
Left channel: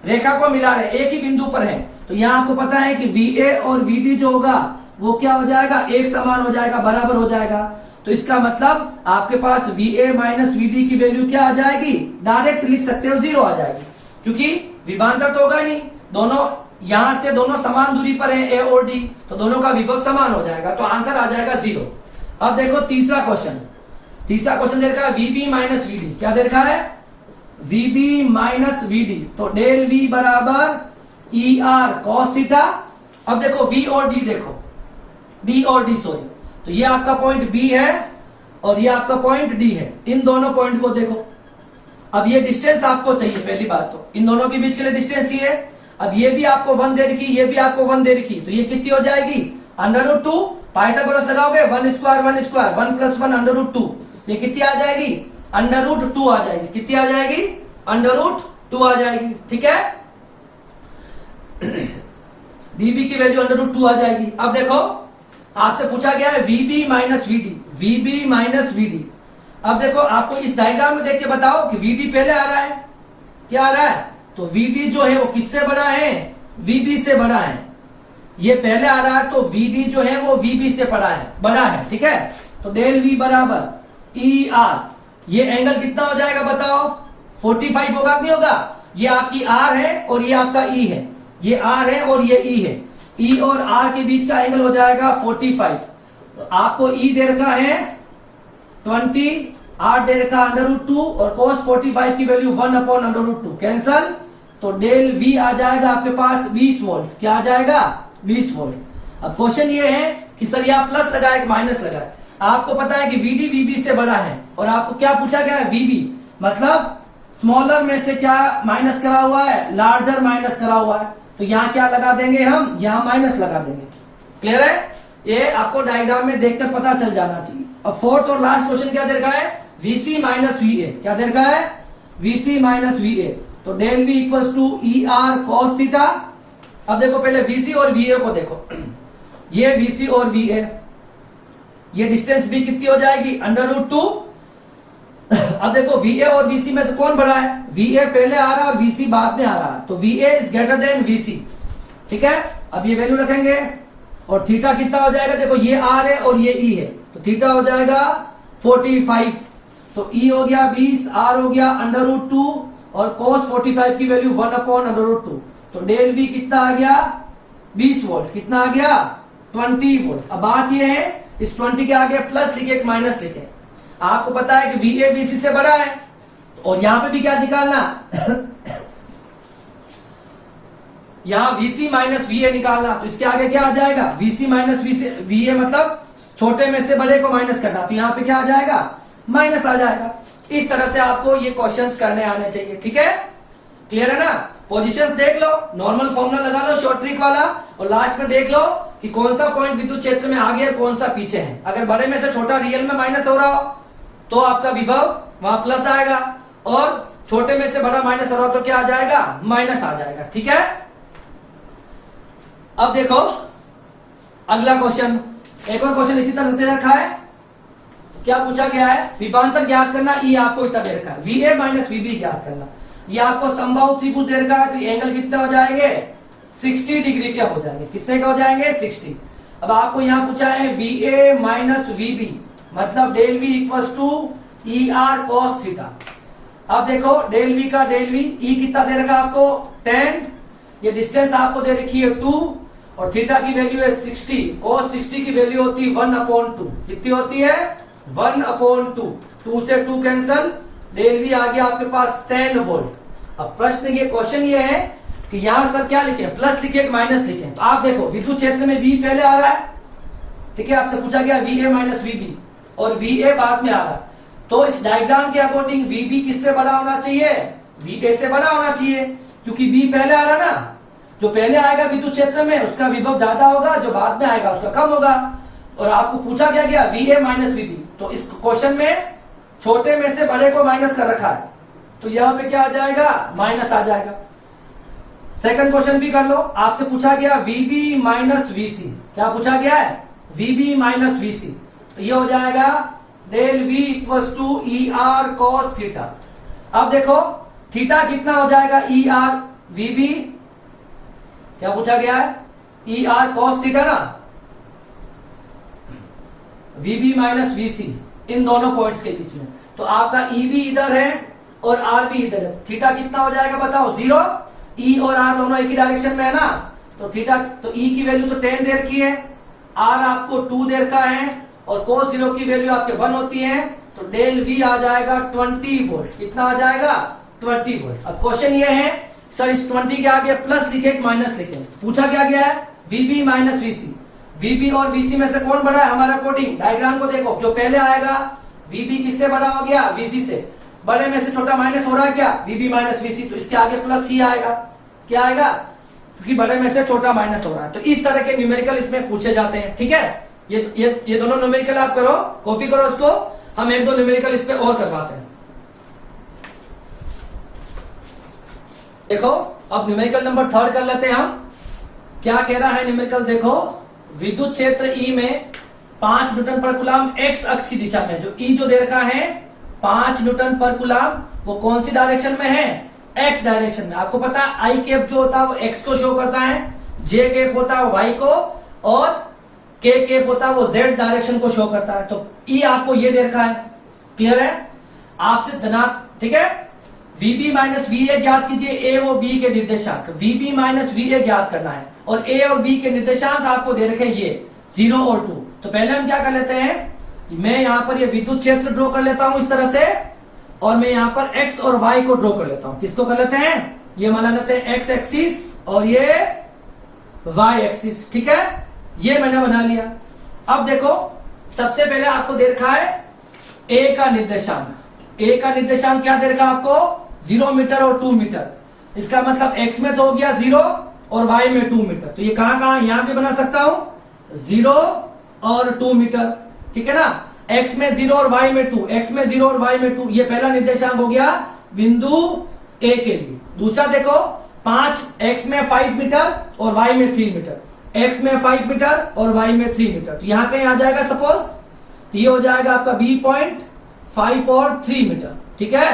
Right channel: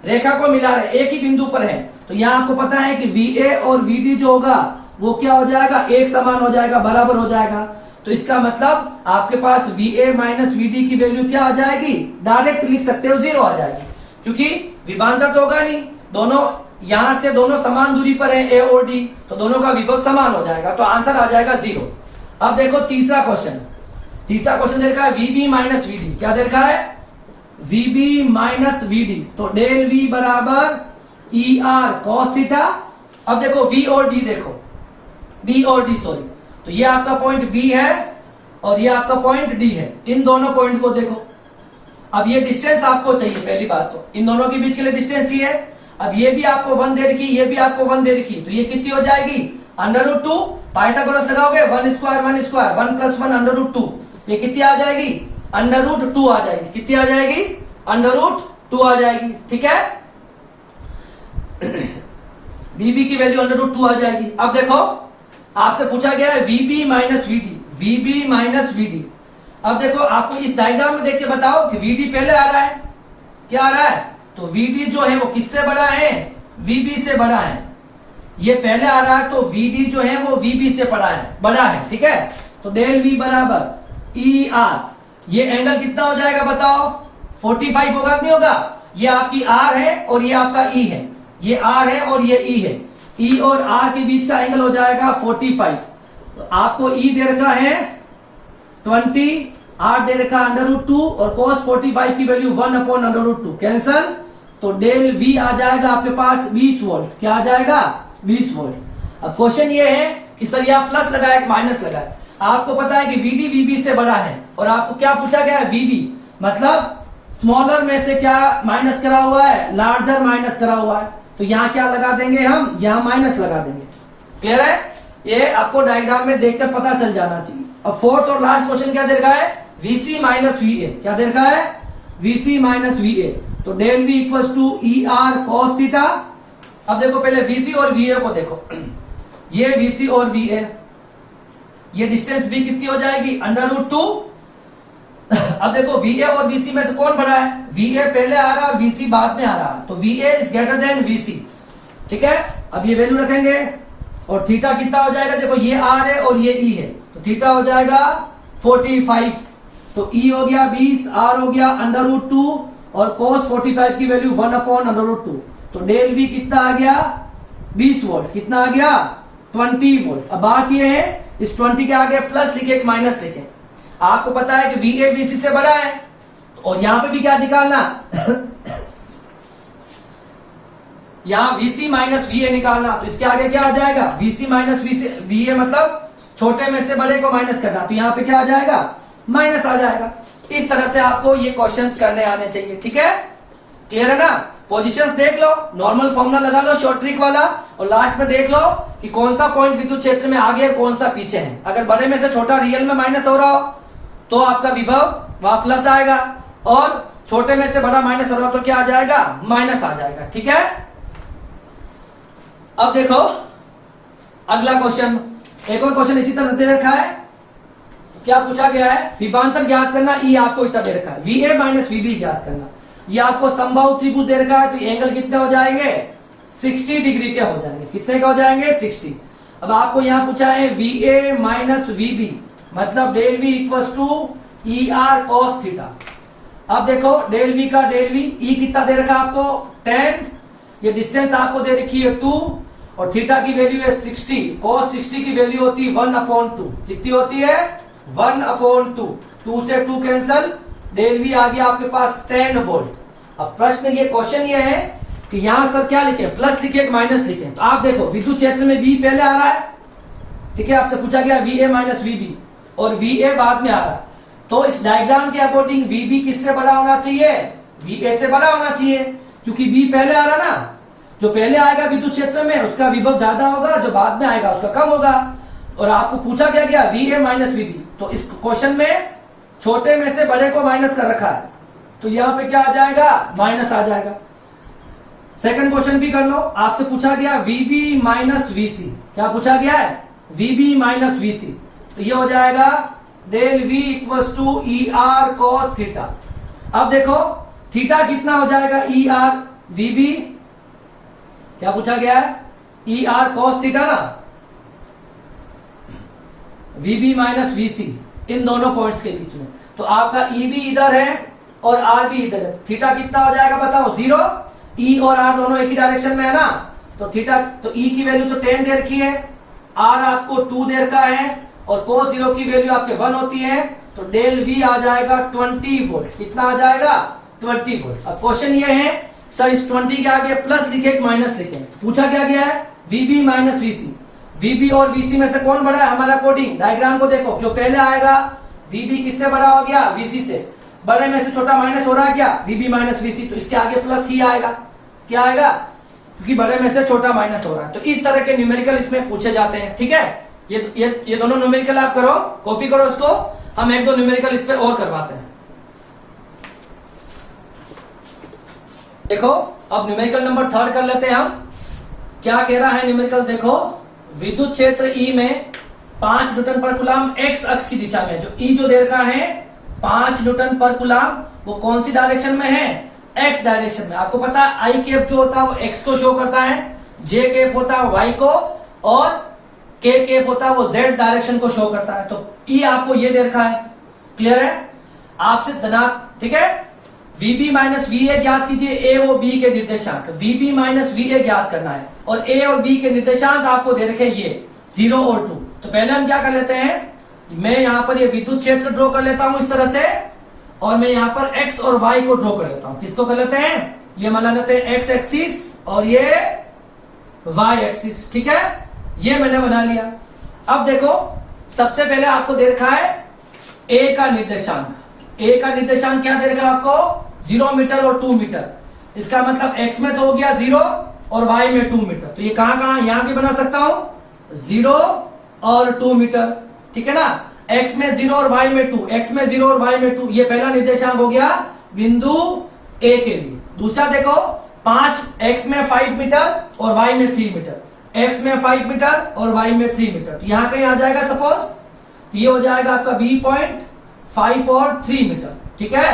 रेखा को मिला रहे, एक ही बिंदु पर है, तो यहाँ आपको पता है कि VA और VD जो होगा वो क्या हो जाएगा, एक समान हो जाएगा, बराबर हो जाएगा। तो इसका मतलब आपके पास VA माइनस VD की वैल्यू क्या आ जाएगी, डायरेक्ट लिख सकते हो 0 आ जाएगी, क्योंकि विभांतर तो होगा नहीं, दोनों यहां से दोनों समान दूरी पर है A और D, तो दोनों का विभव समान हो जाएगा, तो आंसर आ जाएगा 0। अब देखो तीसरा क्वेश्चन, तीसरा क्वेश्चन दे रखा है VB माइनस VD। क्या दे रखा है, VB माइनस VD, तो डेल V बराबर ER cos थीटा। अब देखो V और D देखो, B और D सॉरी, तो ये आपका पॉइंट B है और ये आपका पॉइंट D है। इन दोनों पॉइंट को देखो, अब ये डिस्टेंस आपको चाहिए, पहली बात तो इन दोनों के बीच के लिए डिस्टेंस चाहिए। अब ये भी आपको 1 दे रखी, ये भी आपको 1 दे रखी, तो ये कितनी हो जाएगी, √2। पाइथागोरस लगाओगे, 1 स्क्वायर 1 स्क्वायर, 1 प्लस 1 √2, ये कितनी आ जाएगी, √2 आ जाएगी। कितनी आ जाएगी, √2 आ जाएगी। ठीक है, dB की वैल्यू √2 आ जाएगी। अब देखो आपसे पूछा गया है VB minus VD, VB minus VD। अब देखो आपको इस डायग्राम में देख के बताओ कि VD पहले आ रहा है, क्या आ रहा है, तो VD जो है वो किससे बड़ा है, VB से बड़ा है। ये पहले आ रहा है तो VD जो है वो VB से बड़ा है। ठीक है, तो डेल V बराबर ER, ये एंगल कितना हो जाएगा बताओ, 45 होगा कि नहीं होगा। ये आपकी R है और ये आपका E है, ये R है और ये E है, E और R के बीच का एंगल हो जाएगा 45। तो आपको E दे रखा है 20, R दे रखा √2 और cos 45 की वैल्यू 1/√2 कैंसल, तो डेल V आ जाएगा आपके पास 20 वोल्ट। क्या आ जाएगा, 20 वोल्ट। अब क्वेश्चन ये है कि सर यहाँ प्लस लगाए कि माइनस लगाए। आपको पता है कि VD VB से बड़ा है और आपको क्या पूछा गया है, VB मतलब स्मॉलर में से क्या माइनस करा हुआ है, लार्जर माइनस करा हुआ है, तो यहाँ क्या लगा देंगे हम, यहाँ माइनस लगा देंगे। क्लियर है, ये आपको डायग्राम में देखकर पता चल जाना चाहिए। अब फोर्थ और लास्ट क्वेश्चन क्या दे रखा है, VC माइनस VA। क्या दे रखा है, VC माइनस VA, तो del V equals to ER cos theta. अब देखो पहले VC और VA को देखो, ये VC और VA, ये डिस्टेंस b कितनी हो जाएगी √2। अब देखो VA और VC में से कौन बड़ा है, VA पहले आ रहा है और VC बाद में आ रहा है, तो VA is greater than VC। ठीक है, अब ये वैल्यू रखेंगे और थीटा कितना हो जाएगा, देखो ये R है और ये E है, तो थीटा हो जाएगा 45, तो E हो गया 20, R हो गया √2 और cos 45 की वैल्यू 1/√2, तो डेल V कितना आ गया 20 वोल्ट, कितना आ गया 20 वोल्ट। अब बात ये है इस 20 के आगे प्लस लिखे एक माइनस लिखे, आपको पता है कि VA BC से बड़ा है और यहां पे भी क्या निकालना यहां VC माइनस VA निकालना, तो इसके आगे क्या आ जाएगा VC माइनस VA मतलब छोटे में से बड़े को माइनस करना, तो यहां पे क्या आ जाएगा माइनस आ जाएगा। इस तरह से आपको ये क्वेश्चंस करने आने चाहिए। ठीक है, क्लियर है ना। पोजीशंस देख लो, नॉर्मल फॉर्मूला लगा लो शॉर्ट ट्रिक वाला, और लास्ट में देख लो कि कौन सा पॉइंट विद्युत क्षेत्र में आगे और कौन सा पीछे है। अगर बड़े में से छोटा रियल में माइनस हो रहा हो तो आपका विभव वहां प्लस आएगा, और छोटे में से बड़ा माइनस हो रहा हो तो क्या आ जाएगा माइनस आ जाएगा। ठीक है, अब देखो अगला क्वेश्चन, एक और क्वेश्चन इसी तरह से दे रखा है। क्या पूछा गया है, विभवांतर ज्ञात करना, ई आपको इतना दे रखा है, VA माइनस VB ज्ञात करना। ये आपको समबाहु त्रिभुज दे रखा है, तो एंगल कितने हो जाएंगे 60 डिग्री के हो जाएंगे। कितने के हो जाएंगे 60। अब आपको यहां पूछा है VA माइनस VB मतलब del V equals to ER cos theta. अब देखो डेल V का डेल V, E कितना दे रखा है आपको 10, ये डिस्टेंस आपको दे रखी है 2 और थीटा की वैल्यू है 60, cos 60 की वैल्यू होती है 1/2। कितनी होती है 1/2, 2 से 2 कैंसल, डेल V आ गया आपके पास 10 वोल्ट। अब प्रश्न ये क्वेश्चन ये है कि यहां सर क्या लिखे, प्लस लिखे एक माइनस लिखे, तो आप देखो विद्युत क्षेत्र में V पहले आ रहा है, ठीक है, आपसे पूछा गया VA माइनस VB और VA बाद में आ रहा है, तो इस डायग्राम के अकॉर्डिंग VB किससे बड़ा होना चाहिए, VA से बड़ा होना चाहिए, क्योंकि V पहले आ रहा ना, जो पहले आएगा विद्युत क्षेत्र में उसका विभव ज्यादा होगा, जो बाद में आएगा उसका कम होगा। और आपको पूछा गया VA माइनस VB, तो इस क्वेश्चन में छोटे में से बड़े को माइनस कर रखा है, तो यहां पे क्या आ जाएगा माइनस आ जाएगा। सेकंड क्वेश्चन भी कर लो, आपसे पूछा गया VB माइनस VC, क्या पूछा गया है VB माइनस VC, तो ये हो जाएगा del V equals to ER cos theta. अब देखो थीटा कितना हो जाएगा ER VB, क्या पूछा गया है ER cos थीटा ना, VB माइनस VC इन दोनों पॉइंट्स के बीच में, तो आपका EB इधर है और R भी इधर है, थीटा कितना हो जाएगा बताओ 0। E और R दोनों एक ही डायरेक्शन में है ना, तो थीटा, तो E की वैल्यू तो 10 दे रखी है, R आपको 2 दे रखा है और cos 0 की वैल्यू आपके 1 होती है, तो डेल V आ जाएगा 20 वोल्ट। कितना आ जाएगा 20 वोल्ट। अब क्वेश्चन ये है सर इस 20 के आगे प्लस लिखे एक माइनस लिखे, पूछा क्या गया है VB माइनस VC, VB और VC में से कौन बड़ा है हमारा कोडिंग, डायग्राम को देखो, जो पहले आएगा VB किससे बड़ा हो गया VC से, बड़े में से छोटा माइनस हो रहा है क्या VB माइनस VC, तो इसके आगे प्लस ही आएगा, क्या आएगा, क्योंकि बड़े में से छोटा माइनस हो रहा है। तो इस तरह के न्यूमेरिकल इसमें पूछे जाते हैं। ठीक है, ये दोनों न्यूमेरिकल आप करो, कॉपी करो इसको, हम एक दो न्यूमेरिकल इस पे और करवाते हैं। देखो अब न्यूमेरिकल नंबर 3 कर लेते हैं हम। क्या कह रहा है न्यूमेरिकल, देखो विद्युत क्षेत्र E में 5 न्यूटन पर कूलम एक्स अक्ष की दिशा में, जो E जो दे रखा है 5 न्यूटन पर कूलम, वो कौन सी डायरेक्शन में है एक्स डायरेक्शन में। आपको पता है आई कैप जो होता है वो एक्स को शो करता है, जे कैप होता है वाई को, और के कैप होता है वो जेड डायरेक्शन को शो करता है। तो ई आपको ये दे रखा है, क्लियर है, आपसे धनात्मक, ठीक है। VB माइनस VA ज्ञात कीजिए, ए और बी के निर्देशांक, VB माइनस VA ज्ञात करना है, और ए और बी के निर्देशांक आपको दे रखे ये 0 और 2। तो पहले हम क्या कर लेते हैं, मैं यहां पर ये विद्युत क्षेत्र ड्रॉ कर लेता हूं इस तरह से, और मैं यहां पर x और y को ड्रॉ कर लेता हूं। किसको कर लेते हैं, ये मान लेते हैं x एक्सिस और ये y एक्सिस, ठीक है, ये मैंने बना लिया। अब देखो सबसे पहले आपको दे रखा है a का निर्देशांक, a का निर्देशांक क्या दे रखा है आपको 0 मीटर और 2 मीटर, इसका मतलब x में तो हो गया 0 और y में 2 मीटर, तो ये कहां कहां यहां भी बना सकता हूं 0 और 2 मीटर, ठीक है ना, x में 0 और y में 2, x में 0 और y में 2, ये पहला निर्देशांक हो गया बिंदु A के लिए। दूसरा देखो 5, x में 5 मीटर और y में 3 मीटर, x में 5 मीटर और y में 3 मीटर, तो यहां कहीं आ जाएगा सपोज ये हो जाएगा आपका B.5 और 3 मीटर, ठीक है,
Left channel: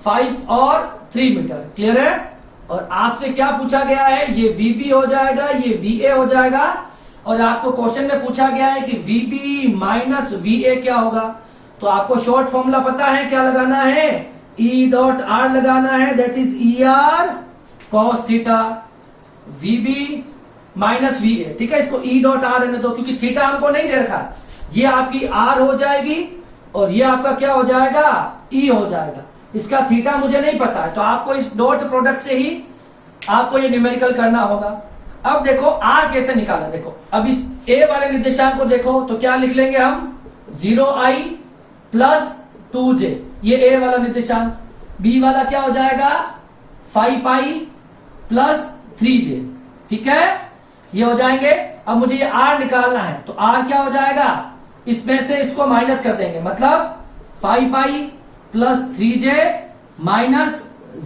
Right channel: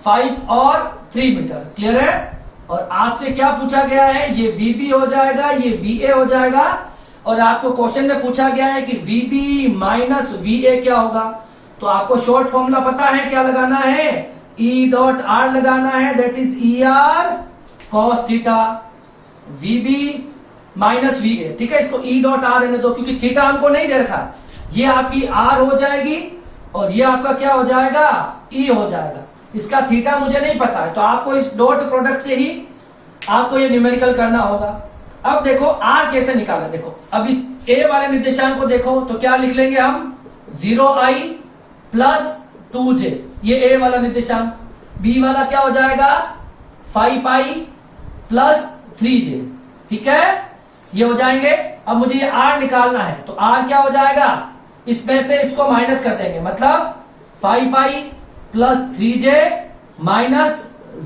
5 और 3 मीटर, क्लियर है। और आपसे क्या पूछा गया है, ये VB हो जाएगा, ये VA हो जाएगा, और आपको क्वेश्चन में पूछा गया है कि VB माइनस VA क्या होगा। तो आपको शॉर्ट फॉर्मूला पता है क्या लगाना है, E.R लगाना है, that is ER cos theta, VB minus VA, ठीक है। इसको E.R रहने दो क्योंकि थीटा हमको नहीं दे रखा, ये आपकी R हो जाएगी और ये आपका क्या हो जाएगा, E हो जाएगा। इसका थीटा मुझे नहीं पता है, तो आपको इस डॉट प्रोडक्ट से ही आपको ये न्यूमेरिकल करना होगा। अब देखो R कैसे निकालना, देखो अब इस A वाले निर्देशांक को देखो तो क्या लिख लेंगे हम, 0i प्लस 2j, ये A वाला निर्देशांक। B वाला क्या हो जाएगा, 5i प्लस 3j, ठीक है, ये हो जाएंगे। अब मुझे ये R निकालना है, तो R क्या हो जाएगा, इसमें से इसको माइनस कर देंगे, मतलब 5i plus 3j minus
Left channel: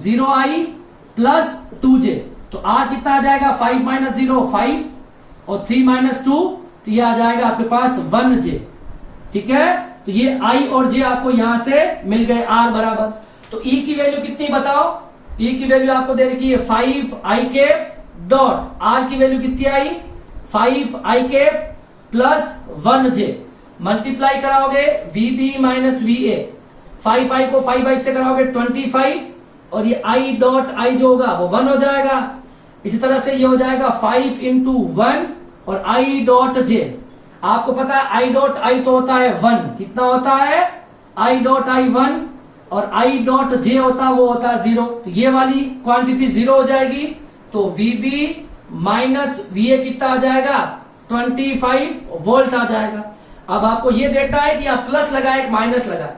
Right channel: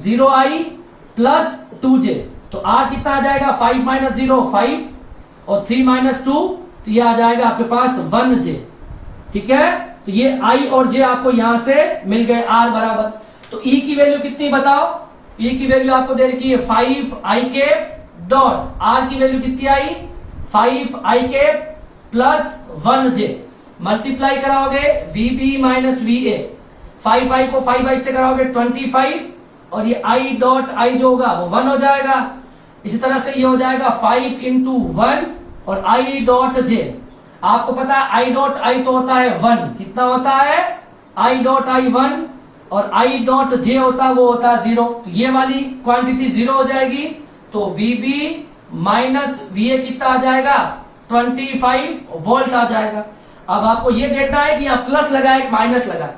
0i plus 2j, तो R कितना आ जाएगा, 5 माइनस 0 5 और 3 माइनस 2, तो ये आ जाएगा आपके पास 1j, ठीक है। तो ये I और J आपको यहां से मिल गए, R बराबर। तो E की वैल्यू कितनी बताओ, E की वैल्यू आपको दे रखी है 5i के डॉट, R की वैल्यू कितनी आई, 5i के प्लस 1j, मल्टीप्लाई कराओगे VB माइनस VA, 5i को 5i से कराओगे 25, और ये I डॉट I जो होगा वो 1 हो जाएगा। इसी तरह से ये हो जाएगा 5 इंटू 1 और I डॉट J, आपको पता है I डॉट I तो होता है 1, कितना होता है, I डॉट I 1, और I डॉट J होता है वो होता है 0, तो ये वाली क्वांटिटी 0 हो जाएगी। तो VB माइनस VA कितना आ जाएगा, 25 वोल्ट आ जाएगा। अब आपको ये देखना है कि आप प्लस लगाए माइनस लगाए।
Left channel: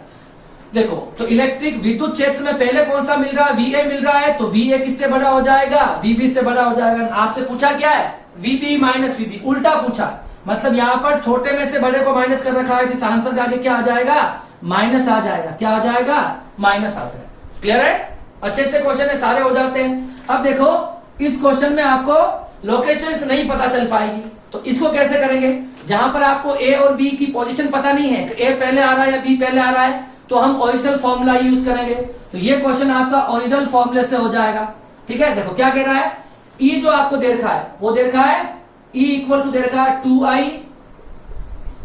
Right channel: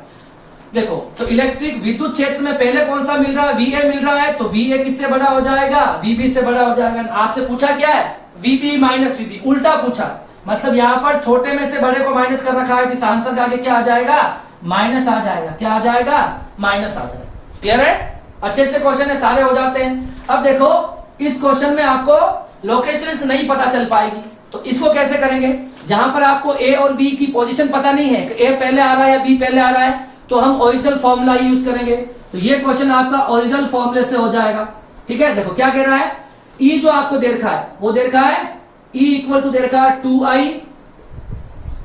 देखो तो इलेक्ट्रिक विद्युत क्षेत्र में पहले कौन सा मिल रहा है, VA मिल रहा है, तो VA किससे बड़ा हो जाएगा, VB से बड़ा हो जाएगा। आपसे पूछा क्या है, VB माइनस VB, उल्टा पूछा, मतलब यहाँ पर छोटे में से बड़े को माइनस कर रखा है, तो इस आंसर का आगे क्या आ जाएगा, माइनस आ जाएगा, क्या आ जाएगा, माइनस आ जाएगा। क्लियर है, अच्छे से क्वेश्चन है, सारे हो जाते हैं। अब देखो इस क्वेश्चन में आपको लोकेशंस नहीं पता चल पाएगी, तो इसको कैसे करेंगे, जहां पर आपको A और B की पोजीशन पता नहीं है कि A पहले आ रहा है या B पहले आ रहा है, तो हम ओरिजिनल फॉर्मूला यूज करेंगे। तो ये क्वेश्चन आपका ओरिजिनल फॉर्मूले से हो जाएगा, ठीक है। देखो क्या कह रहा है, E जो आपको दे रखा है वो दे रखा है, E इक्वल टू दे रखा है 2i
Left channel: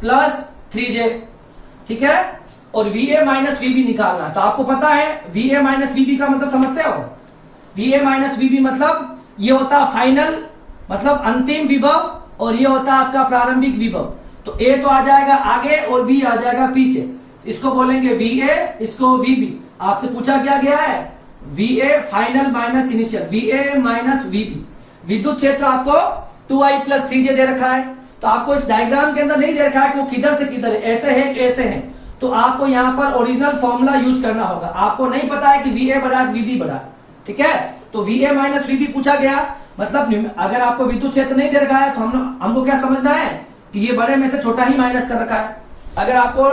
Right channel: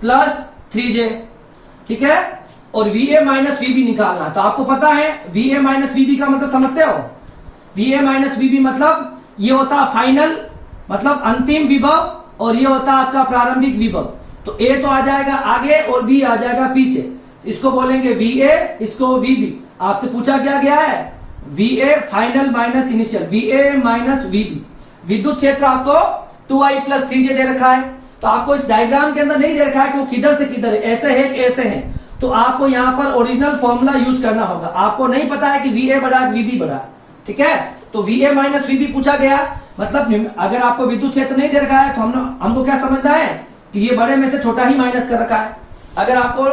प्लस 3j, ठीक है, और VA माइनस VB निकालना है। तो आपको पता है VA माइनस VB का मतलब समझते हो, VA माइनस VB मतलब ये होता फाइनल, मतलब अंतिम विभव, और ये होता आपका प्रारंभिक विभव। तो A तो आ जाएगा आगे और B आ जाएगा पीछे, इसको बोलेंगे VA, इसको VB। आपसे पूछा क्या गया है, VA final minus initial, VA minus VB। विद्युत क्षेत्र आपको 2i प्लस 3j दे रखा है, तो आपको इस डायग्राम के अंदर नहीं दे रखा है कि वो किधर से किधर है, ऐसे है ऐसे है, तो आपको यहाँ पर ओरिजिनल फॉर्मूला यूज करना होगा। आपको नहीं पता है कि VA बड़ा है VB बड़ा, ठीक है। तो VA माइनस VB पूछा गया, मतलब अगर आपको विद्युत क्षेत्र नहीं दे रखा है तो हमको क्या समझना है कि ये बड़े में से छोटा ही माइनस कर रखा है। अगर आपको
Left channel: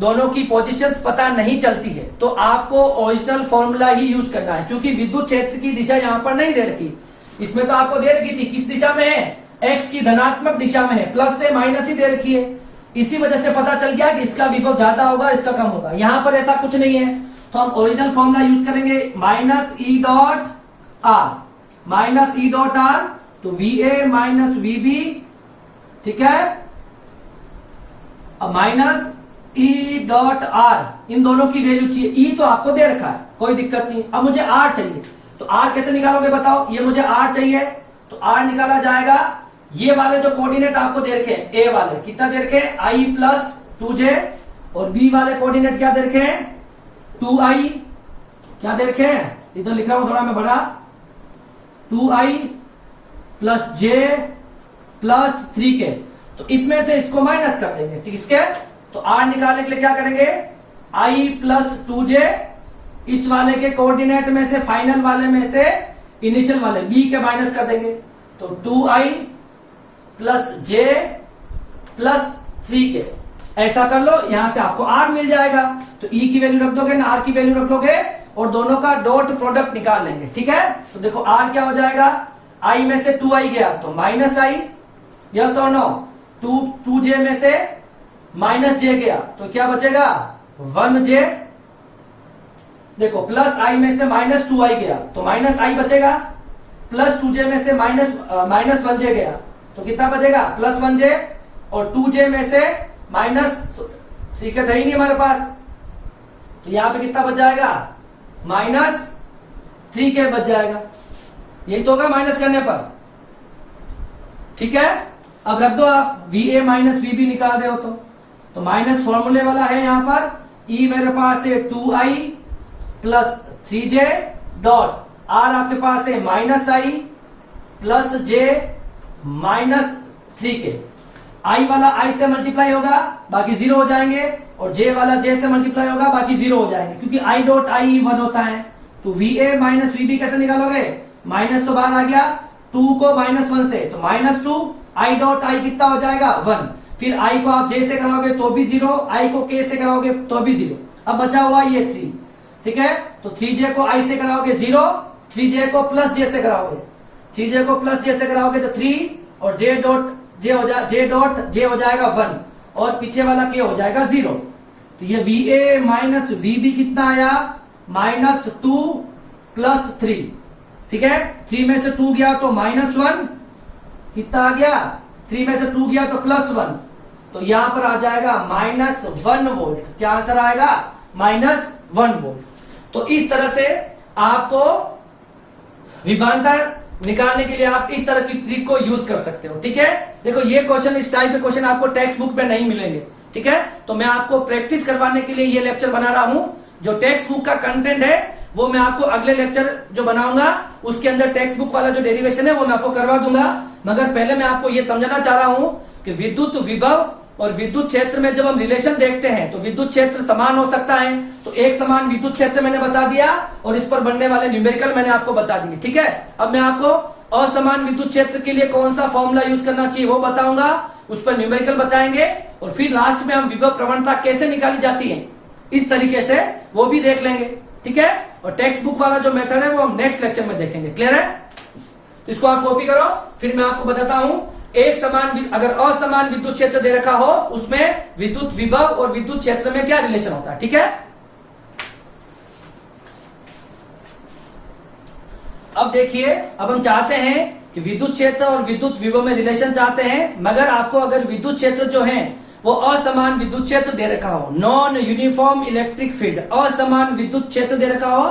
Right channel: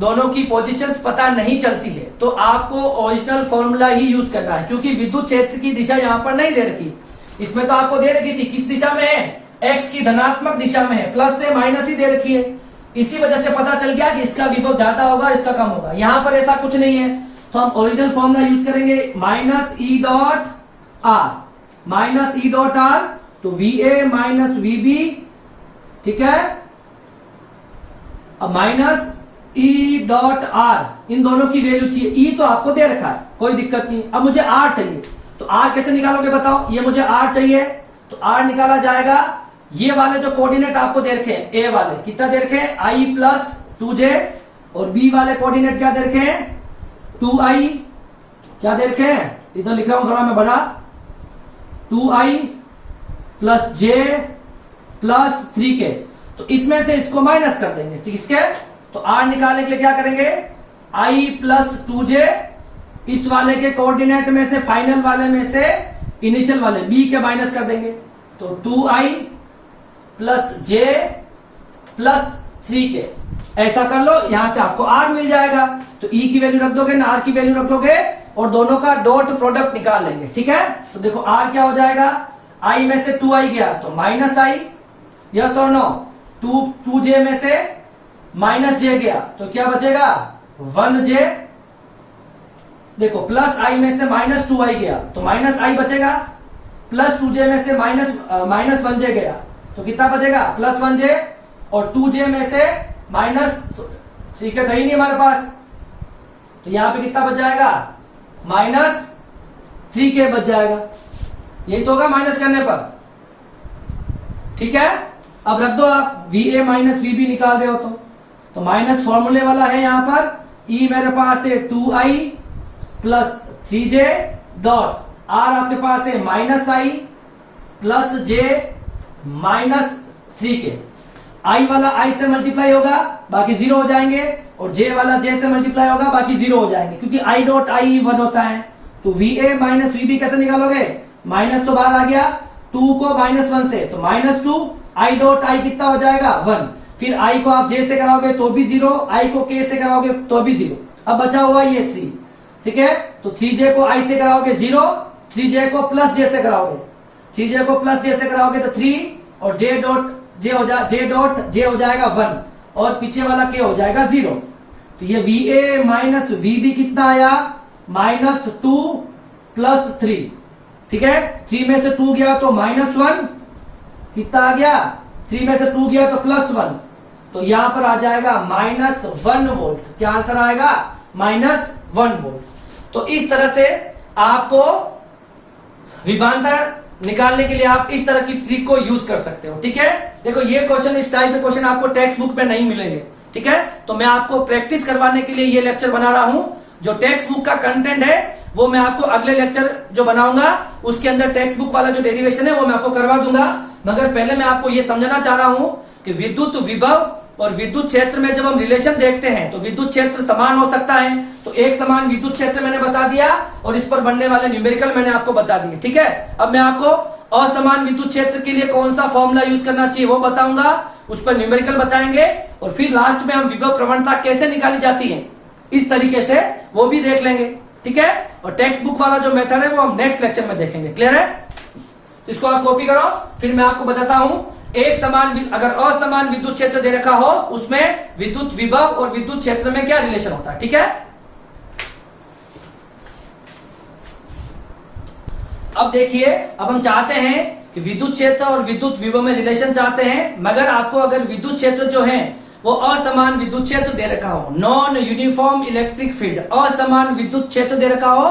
दोनों की पोजीशंस पता नहीं चलती है तो आपको ओरिजिनल फॉर्मूला ही यूज करना है, क्योंकि विद्युत क्षेत्र की दिशा यहाँ पर नहीं दे रखी, इसमें तो आपको दे रखी थी किस दिशा में है, एक्स की धनात्मक दिशा में है, प्लस से माइनस ही दे रखी है, इसी वजह से पता चल गया कि इसका विभव ज्यादा होगा इसका कम होगा। यहाँ पर ऐसा कुछ नहीं है, तो हम ओरिजिनल फॉर्मूला यूज करेंगे, minus E dot are, minus E dot are, तो VA माइनस VB, ठीक है, अब माइनस E डॉट आर, इन दोनों की वैल्यू चाहिए। E तो आपको दे रखा है, कोई दिक्कत नहीं। अब मुझे R चाहिए, तो R कैसे निकालोगे बताओ, ये मुझे R चाहिए, तो R निकाला जाएगा, ये वाले जो कोऑर्डिनेट आपको दे रखे हैं, A वाले कितना दे रखे हैं, I प्लस 2j, और B वाले कोऑर्डिनेट क्या दे रखे हैं, 2i, क्या दे रखे हैं, इधर लिख रहा हूं थोड़ा मैं बड़ा, 2i plus j plus 3k, तो इसमें से इसको माइनस कर देंगे, ठीक, इसके तो R निकालने के लिए क्या करेंगे, I प्लस 2j, इस वाले के कोऑर्डिनेट में से, फाइनल वाले में से इनिशियल वाले B के माइनस कर देंगे, तो 2i plus j plus 3k, ऐसा कर लो, यहां से आपको R मिल जाएगा। तो E की वैल्यू रख दोगे ना, R की वैल्यू रख लोगे और दोनों का डॉट प्रोडक्ट निकाल लेंगे, ठीक है। तो देखो R क्या हो जाएगा, I में से 2i गया तो माइनस i, यस और नो, 2j में से माइनस जे गया तो क्या बचेगा 1j। देखो प्लस आई में से माइनस 2i गया तो माइनस आई बचेगा, प्लस 2j में से माइनस 1j गया तो कितना बचेगा प्लस 1j, और 2j में से माइनस 3 का था ही नहीं हमारे पास, तो यहां पे कितना बच जाएगा माइनस 3k बच जाएगा। यही तो होगा माइनस करने पर, ठीक है। अब रख दो आप va माइनस vb निकाल रहे हो तो माइनस फॉर्मूले वाला है यहां पर, e मेरे पास है 2i plus 3j dot r आपके पास है minus i plus j minus 3k। i वाला i से मल्टीप्लाई होगा बाकी 0 हो जाएंगे, और j वाला j से मल्टीप्लाई होगा बाकी 0 हो जाएंगे, क्योंकि i डॉट i 1 होता है। तो va माइनस vb कैसे निकालोगे, माइनस तो बाहर आ गया, 2 को माइनस 1 से तो माइनस 2, i डॉट i कितना हो जाएगा 1, फिर i को आप j से कराओगे तो भी 0, i को k से कराओगे तो भी 0। अब बचा हुआ ये 3, ठीक है। तो 3j को i से कराओगे 0, 3j को प्लस j से कराओगे, 3j को प्लस j से कराओगे तो 3, और j डॉट j हो जाएगा 1, और पीछे वाला k हो जाएगा 0। तो ये va माइनस vb कितना आया माइनस 2 प्लस 3, ठीक है। 3 में से 2 गया तो माइनस 1, कितना आ गया 3 में से 2 गया तो प्लस 1, तो यहां पर आ जाएगा माइनस 1 वोल्ट। क्या आंसर आएगा माइनस 1 वोल्ट। तो इस तरह से आपको विभवांतर निकालने के लिए आप इस तरह की ट्रिक को यूज कर सकते हो, ठीक है। देखो ये क्वेश्चन, इस टाइप के क्वेश्चन आपको टेक्स्ट बुक में नहीं मिलेंगे, ठीक है। तो मैं आपको प्रैक्टिस करवाने के लिए ये लेक्चर बना रहा हूं। जो टेक्स्ट बुक का कंटेंट है वो मैं आपको अगले लेक्चर जो बनाऊंगा उसके अंदर टेक्स्ट बुक वाला जो डेरिवेशन है वो मैं आपको करवा दूंगा। मगर पहले मैं आपको ये समझाना चाह रहा हूं कि विद्युत विभव और विद्युत क्षेत्र में जब हम रिलेशन देखते हैं तो विद्युत क्षेत्र समान हो सकता है। तो एक समान विद्युत क्षेत्र मैंने बता दिया, और इस पर बनने वाले न्यूमेरिकल मैंने आपको बता दिए, ठीक है। अब मैं आपको असमान विद्युत क्षेत्र के लिए कौन सा फॉर्मूला यूज करना चाहिए वो बताऊंगा, उस पर न्यूमेरिकल बताएंगे, और फिर लास्ट में हम विभव प्रवणता कैसे निकाली जाती है इस तरीके से वो भी देख लेंगे, ठीक है। और टेक्स्ट बुक वाला जो मेथड है वो हम नेक्स्ट लेक्चर में देखेंगे। क्लियर है? तो इसको आप कॉपी करो, फिर मैं आपको बताता हूं। एक समान, अगर असमान विद्युत क्षेत्र दे रखा हो उसमें विद्युत विभव और विद्युत क्षेत्र में क्या रिलेशन होता है, ठीक है। अब देखिए, अब हम चाहते हैं कि विद्युत क्षेत्र और विद्युत विभव में रिलेशन चाहते हैं, मगर आपको अगर विद्युत क्षेत्र जो है वो असमान विद्युत क्षेत्र दे रखा हो, नॉन यूनिफॉर्म इलेक्ट्रिक फील्ड, असमान विद्युत क्षेत्र दे रखा हो,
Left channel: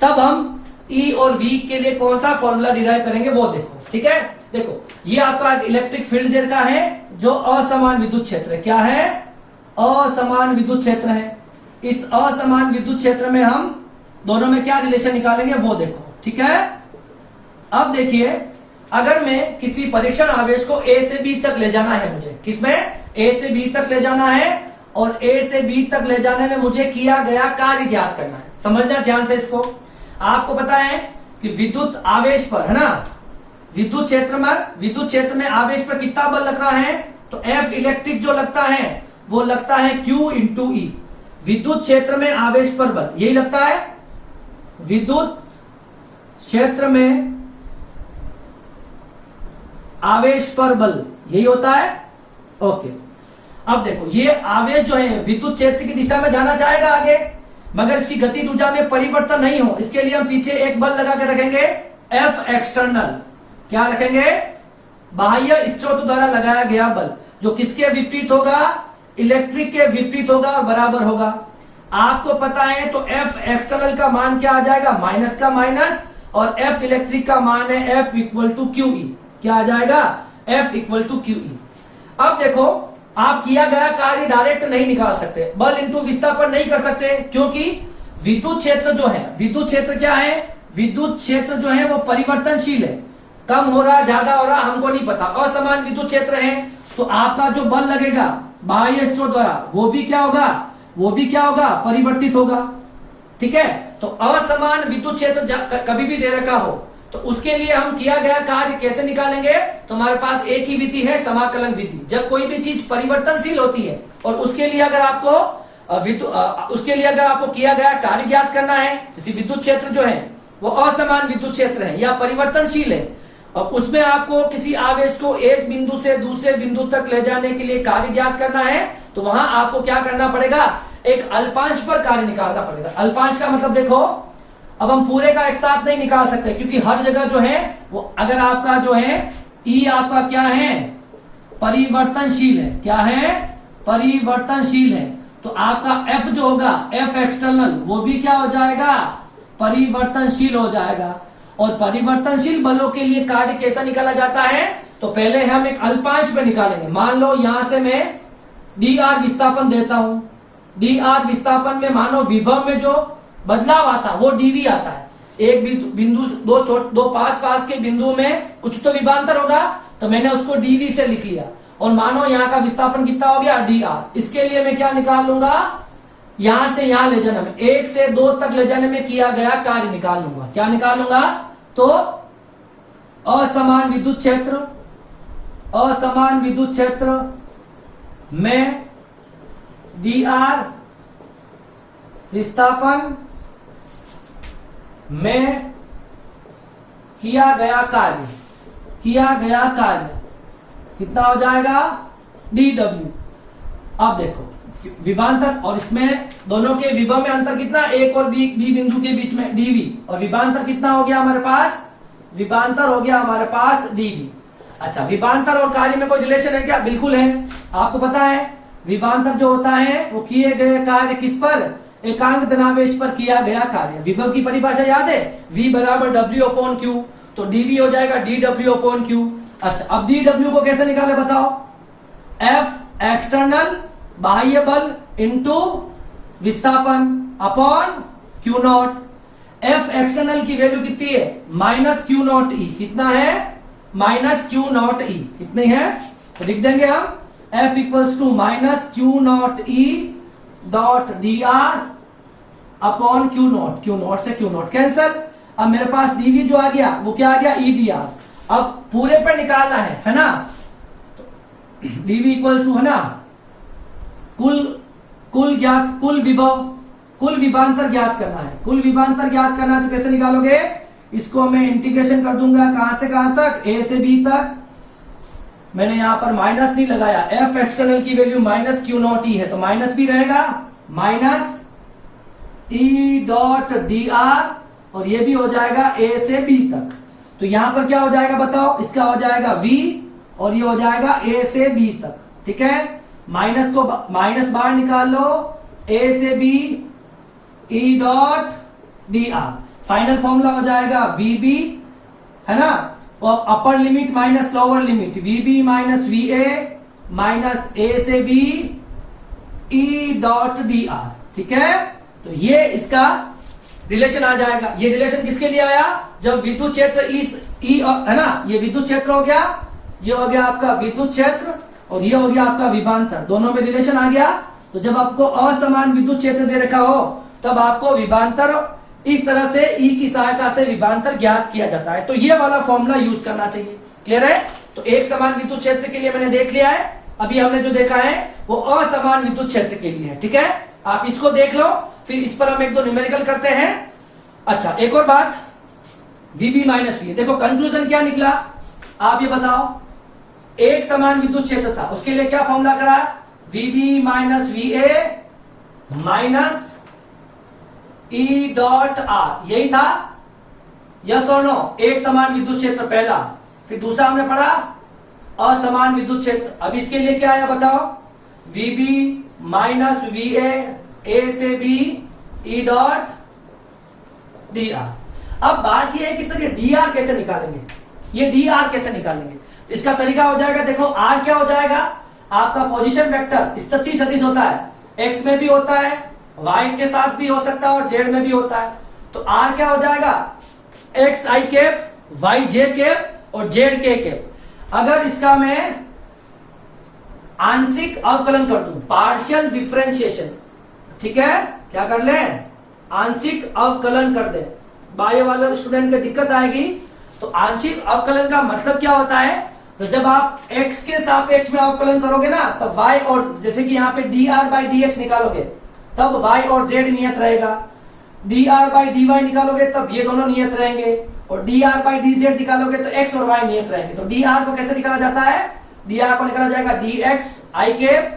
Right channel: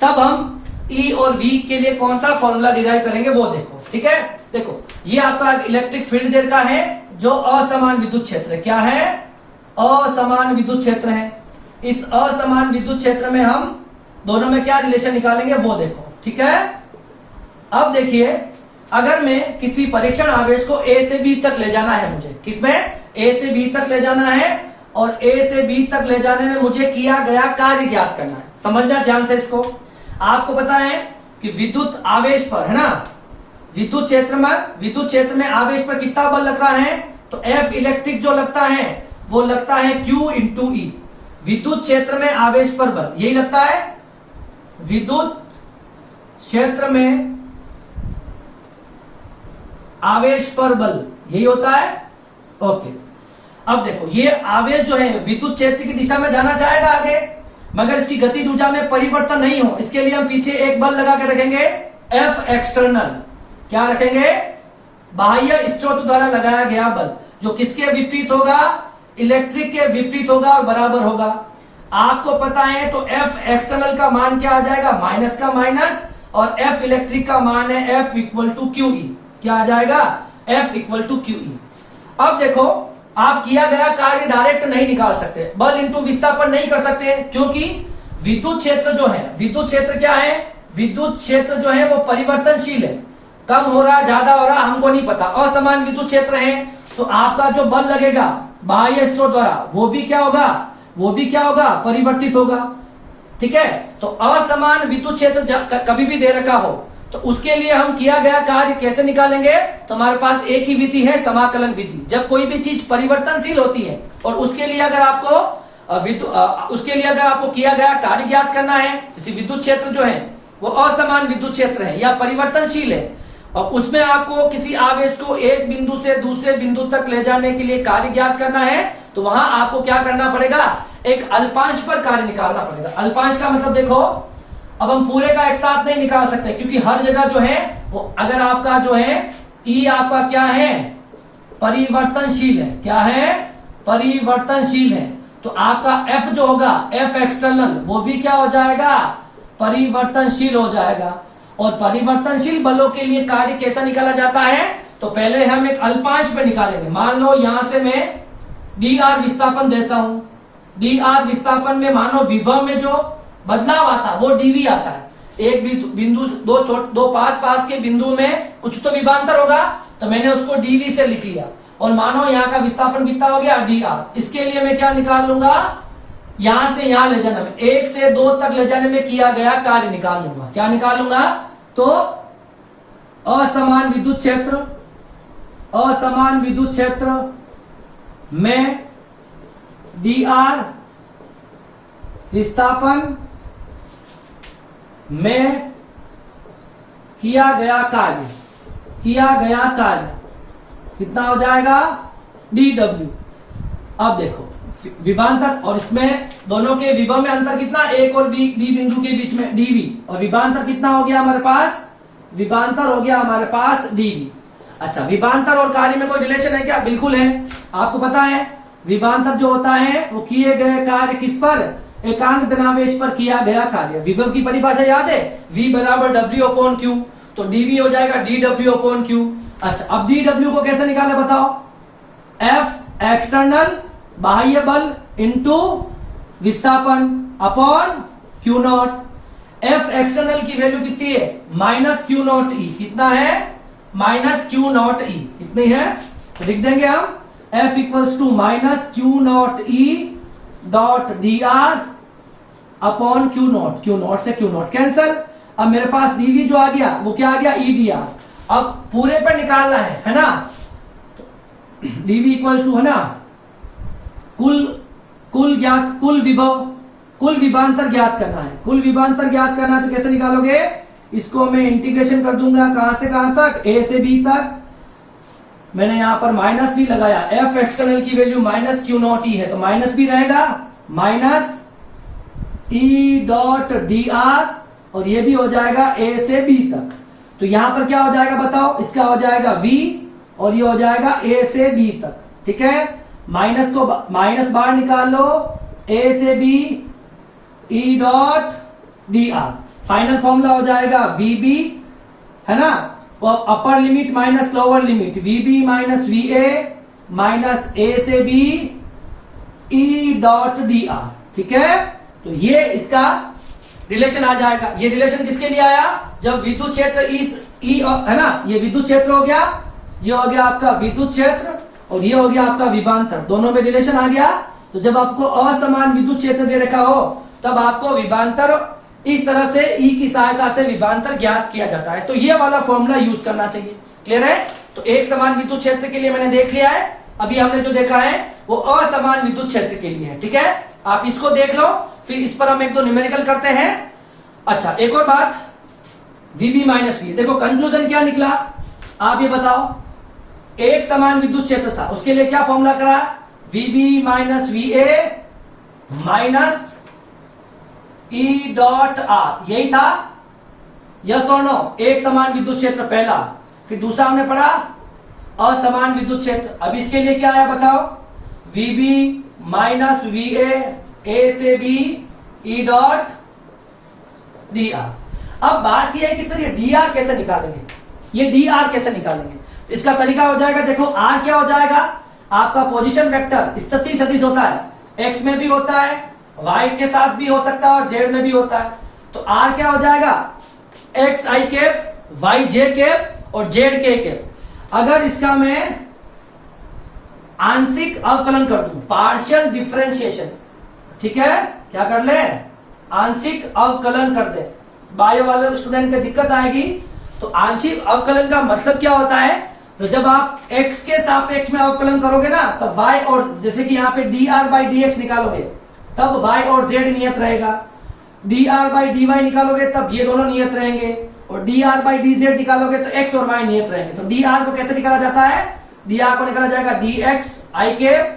तब हम E और V के लिए कौन सा फॉर्मूला डिराइव करेंगे वो देखो, ठीक है। देखो ये आपका इलेक्ट्रिक फील्ड दे रखा है जो असमान विद्युत क्षेत्र है। क्या है? असमान विद्युत क्षेत्र है। इस असमान विद्युत क्षेत्र में हम दोनों में क्या रिलेशन निकालेंगे वो देखो, ठीक है। अब देखिए, अगर मैं किसी परीक्षण आवेश को A से B तक ले जाना है, मुझे किसमें A से B तक ले जाना है, और A से B तक ले जाने में मुझे किया गया कार्य ज्ञात करना है। समझना ध्यान से इसको। आपको पता है कि विद्युत आवेश पर, है ना, विद्युत क्षेत्र में आवेश पर कितना बल लग रहा है, तो F इलेक्ट्रिक जो लगता है वो लगता है Q इंटू E। विद्युत क्षेत्र में आवेश पर बल यही लगता है, विद्युत क्षेत्र में आवेश पर बल यही होता है। ओके, अब देखो ये आवेश जो है विद्युत क्षेत्र की दिशा में जाना चाहेगा आगे, मगर इसकी गति ऊर्जा में परिवर्तन नहीं हो, इसके लिए हम पीछे एक बल लगा के रखेंगे, F एक्सटर्नल। क्या रखेंगे? बाह्य स्रोत द्वारा लगाया गया बल, जो किसके विपरीत होगा? इलेक्ट्रिक के विपरीत होगा और बराबर होगा। आपको पता है तो F एक्सटर्नल का मान क्या आ जाएगा? माइनस का माइनस, और F इलेक्ट्रिक का मान है F इक्वल टू QE। क्या आ जाएगा? F equal to QE। अब देखो, आप किया गया कार्य डायरेक्ट नहीं निकाल सकते, बल इंटू विस्थापन नहीं कर सकते, क्योंकि विद्युत क्षेत्र जो है, विद्युत क्षेत्र क्या है? विद्युत क्षेत्र जो है वो परिवर्तनशील है, कम हो रहा ज्यादा हो रहा हमको नहीं पता। असमान विद्युत क्षेत्र है तो आपका जो बल लगेगा बाह्य स्रोत द्वारा वो भी क्या होगा? परिवर्तित होगा, ठीक है। तो असमान विद्युत क्षेत्र कभी भी दे रखा हो तो उसके लिए हम किया गया कार्य कैसे निकालेंगे? तो हमारे पास एक ही विधि है, समाकलन विधि। जब कोई भी चीज परिवर्तनशील होती है और उसके लिए अगर आपको किया गया कार्य ज्ञात करना है, जैसे विद्युत क्षेत्र जो है वो असमान विद्युत क्षेत्र है या परिवर्तनशील है, और उसमें आपको किसी आवेश को एक बिंदु से दूसरे बिंदु तक ले जाने के लिए कार्य ज्ञात करना है, तो वहां आपको क्या करना पड़ेगा, एक अल्पांश पर कार्य निकालना पड़ेगा। अल्पांश का मतलब देखो, अब हम पूरे का एक साथ नहीं निकाल सकते, क्योंकि हर जगह जो है वो, अगर आपका जो है ई आपका क्या है, परिवर्तनशील है। क्या है, परिवर्तनशील है। तो आपका एफ जो होगा, एफ एक्सटर्नल, वो भी क्या हो जाएगा, परिवर्तनशील हो जाएगा। और परिवर्तनशील बलों के लिए कार्य कैसा निकाला जाता है, तो पहले हम एक अल्पांश पे निकालेंगे। मान लो यहां से मैं डी आर विस्थापन देता हूं, डी आर विस्थापन में मानो विभव में जो बदलाव आता है वो डीवी आता है। एक बिंदु दो पास के बिंदु में कुछ तो विभांतर होगा, तो मैंने उसको डीवी से लिख लिया। और मानो यहाँ का विस्थापन कितना हो गया, डी आर। इसके लिए मैं क्या निकाल लूंगा, यहां से यहां ले जाने में, 1 से 2 तक ले जाने में किया गया कार्य निकाल लूंगा। क्या निकाल लूंगा, तो असमान विद्युत क्षेत्र, असमान विद्युत क्षेत्र में डी आर विस्थापन में किया गया कार्य, कितना हो जाएगा, डी डब्ल्यू। अब देखो विभांतर, और इसमें दोनों के विभव में अंतर कितना, एक और बी बिंदु के बीच में डीवी, और विभांतर कितना हो गया हमारे पास, विभांतर हो गया हमारे पास डीवी। अच्छा, विभांतर और कार्य में कोई रिलेशन है क्या, बिल्कुल है। आपको पता है विभांतर जो होता है वो किए गए कार्य किस पर, एकांक धनावेश पर किया गया कार्य। विभव की परिभाषा याद है, V बराबर W/Q, तो dV हो जाएगा dW/Q। अच्छा, अब dW को कैसे निकाले बताओ, F एक्सटर्नल बाह्य बल इंटू विस्थापन अपॉन Q0। F एक्सटर्नल की वैल्यू कितनी है, -Q0E। कितना है, -Q0E। कितनी है, तो लिख देंगे हम F equals to -Q0E dot d r upon Q0 से Q0 कैंसल। अब मेरे पास dV जो आ गया वो क्या आ गया, EDR। अब पूरे पर निकालना है ना, dV इक्वल टू है ना, कुल विभव, कुल विभांतर ज्ञात करना है। कुल विभांतर ज्ञात करना है तो कैसे निकालोगे, इसको मैं इंटीग्रेशन कर दूंगा, कहां से कहां तक, A से B तक। मैंने यहां पर माइनस नहीं लगाया, F एक्सटर्नल की वैल्यू -Q0E है, तो माइनस भी रहेगा, -E डॉट डी आर, और ये भी हो जाएगा A से B तक। तो यहां पर क्या हो जाएगा बताओ, इसका हो जाएगा V, और ये हो जाएगा A से B तक। ठीक है, माइनस बाहर निकाल लो, A से B E dot d are. Final formula हो जाएगा VB, है ना, upper limit minus lower limit, VB minus VA minus A से B E dot d are. ठीक है, तो ये इसका रिलेशन आ जाएगा। ये रिलेशन किसके लिए आया, जब विद्युत क्षेत्र ई है ना, ये विद्युत क्षेत्र हो गया, ये हो गया आपका विद्युत क्षेत्र, और ये हो गया आपका विभांतर, दोनों में रिलेशन आ गया। तो जब आपको असमान विद्युत क्षेत्र दे रखा हो, तब आपको विभांतर इस तरह से ई की सहायता से विभांतर ज्ञात किया जाता है। तो ये वाला फॉर्मूला यूज करना चाहिए। क्लियर है, तो एक समान विद्युत क्षेत्र के लिए मैंने देख लिया है, अभी हमने जो देखा है वो असमान विद्युत क्षेत्र के लिए है। ठीक है, आप इसको देख लो, फिर इस पर हम एक दो न्यूमेरिकल करते हैं। अच्छा, एक और बात, VB माइनस V, देखो कंक्लूजन क्या निकला, आप ये बताओ। एक समान विद्युत क्षेत्र था, उसके लिए क्या फॉर्मूला करा, VB minus VA minus E dot R, यही था, यस और नो। एक समान विद्युत क्षेत्र पहला, फिर दूसरा हमने पढ़ा असमान विद्युत क्षेत्र। अब इसके लिए क्या है बताओ, VB माइनस VA A से B E dot d are. अब बात यह है कि सर ये डी आर कैसे निकालेंगे, ये डी आर कैसे निकालेंगे। इसका तरीका हो जाएगा, देखो आर क्या हो जाएगा, आपका पोजीशन वेक्टर स्थिति सदिश होता है, एक्स में भी होता है, वाई के साथ भी हो सकता है और जेड में भी होता है। तो आर क्या हो जाएगा, एक्स आई कैप, वाई जे कैप और जेड के कैप। अगर इसका मैं आंशिक अवकलन कर दूं, पार्शियल डिफरेंशिएशन, ठीक है, क्या कर ले, आंशिक अवकलन कर दे। बायो वाले स्टूडेंट को दिक्कत आएगी। तो आंशिक अवकलन का मतलब क्या होता है, तो जब आप x के सापेक्ष में अवकलन करोगे ना, तब y और, जैसे कि यहाँ पे dr बाई dx निकालोगे तब y और z नियत रहेगा, dr बाई dy निकालोगे तब ये दोनों नियत रहेंगे, और D R by D Z निकालोगे तो एक्स और वाई नियत रहेंगे। तो डी आर को कैसे निकाला जाता है, डी आर को निकाला जाएगा D X I cap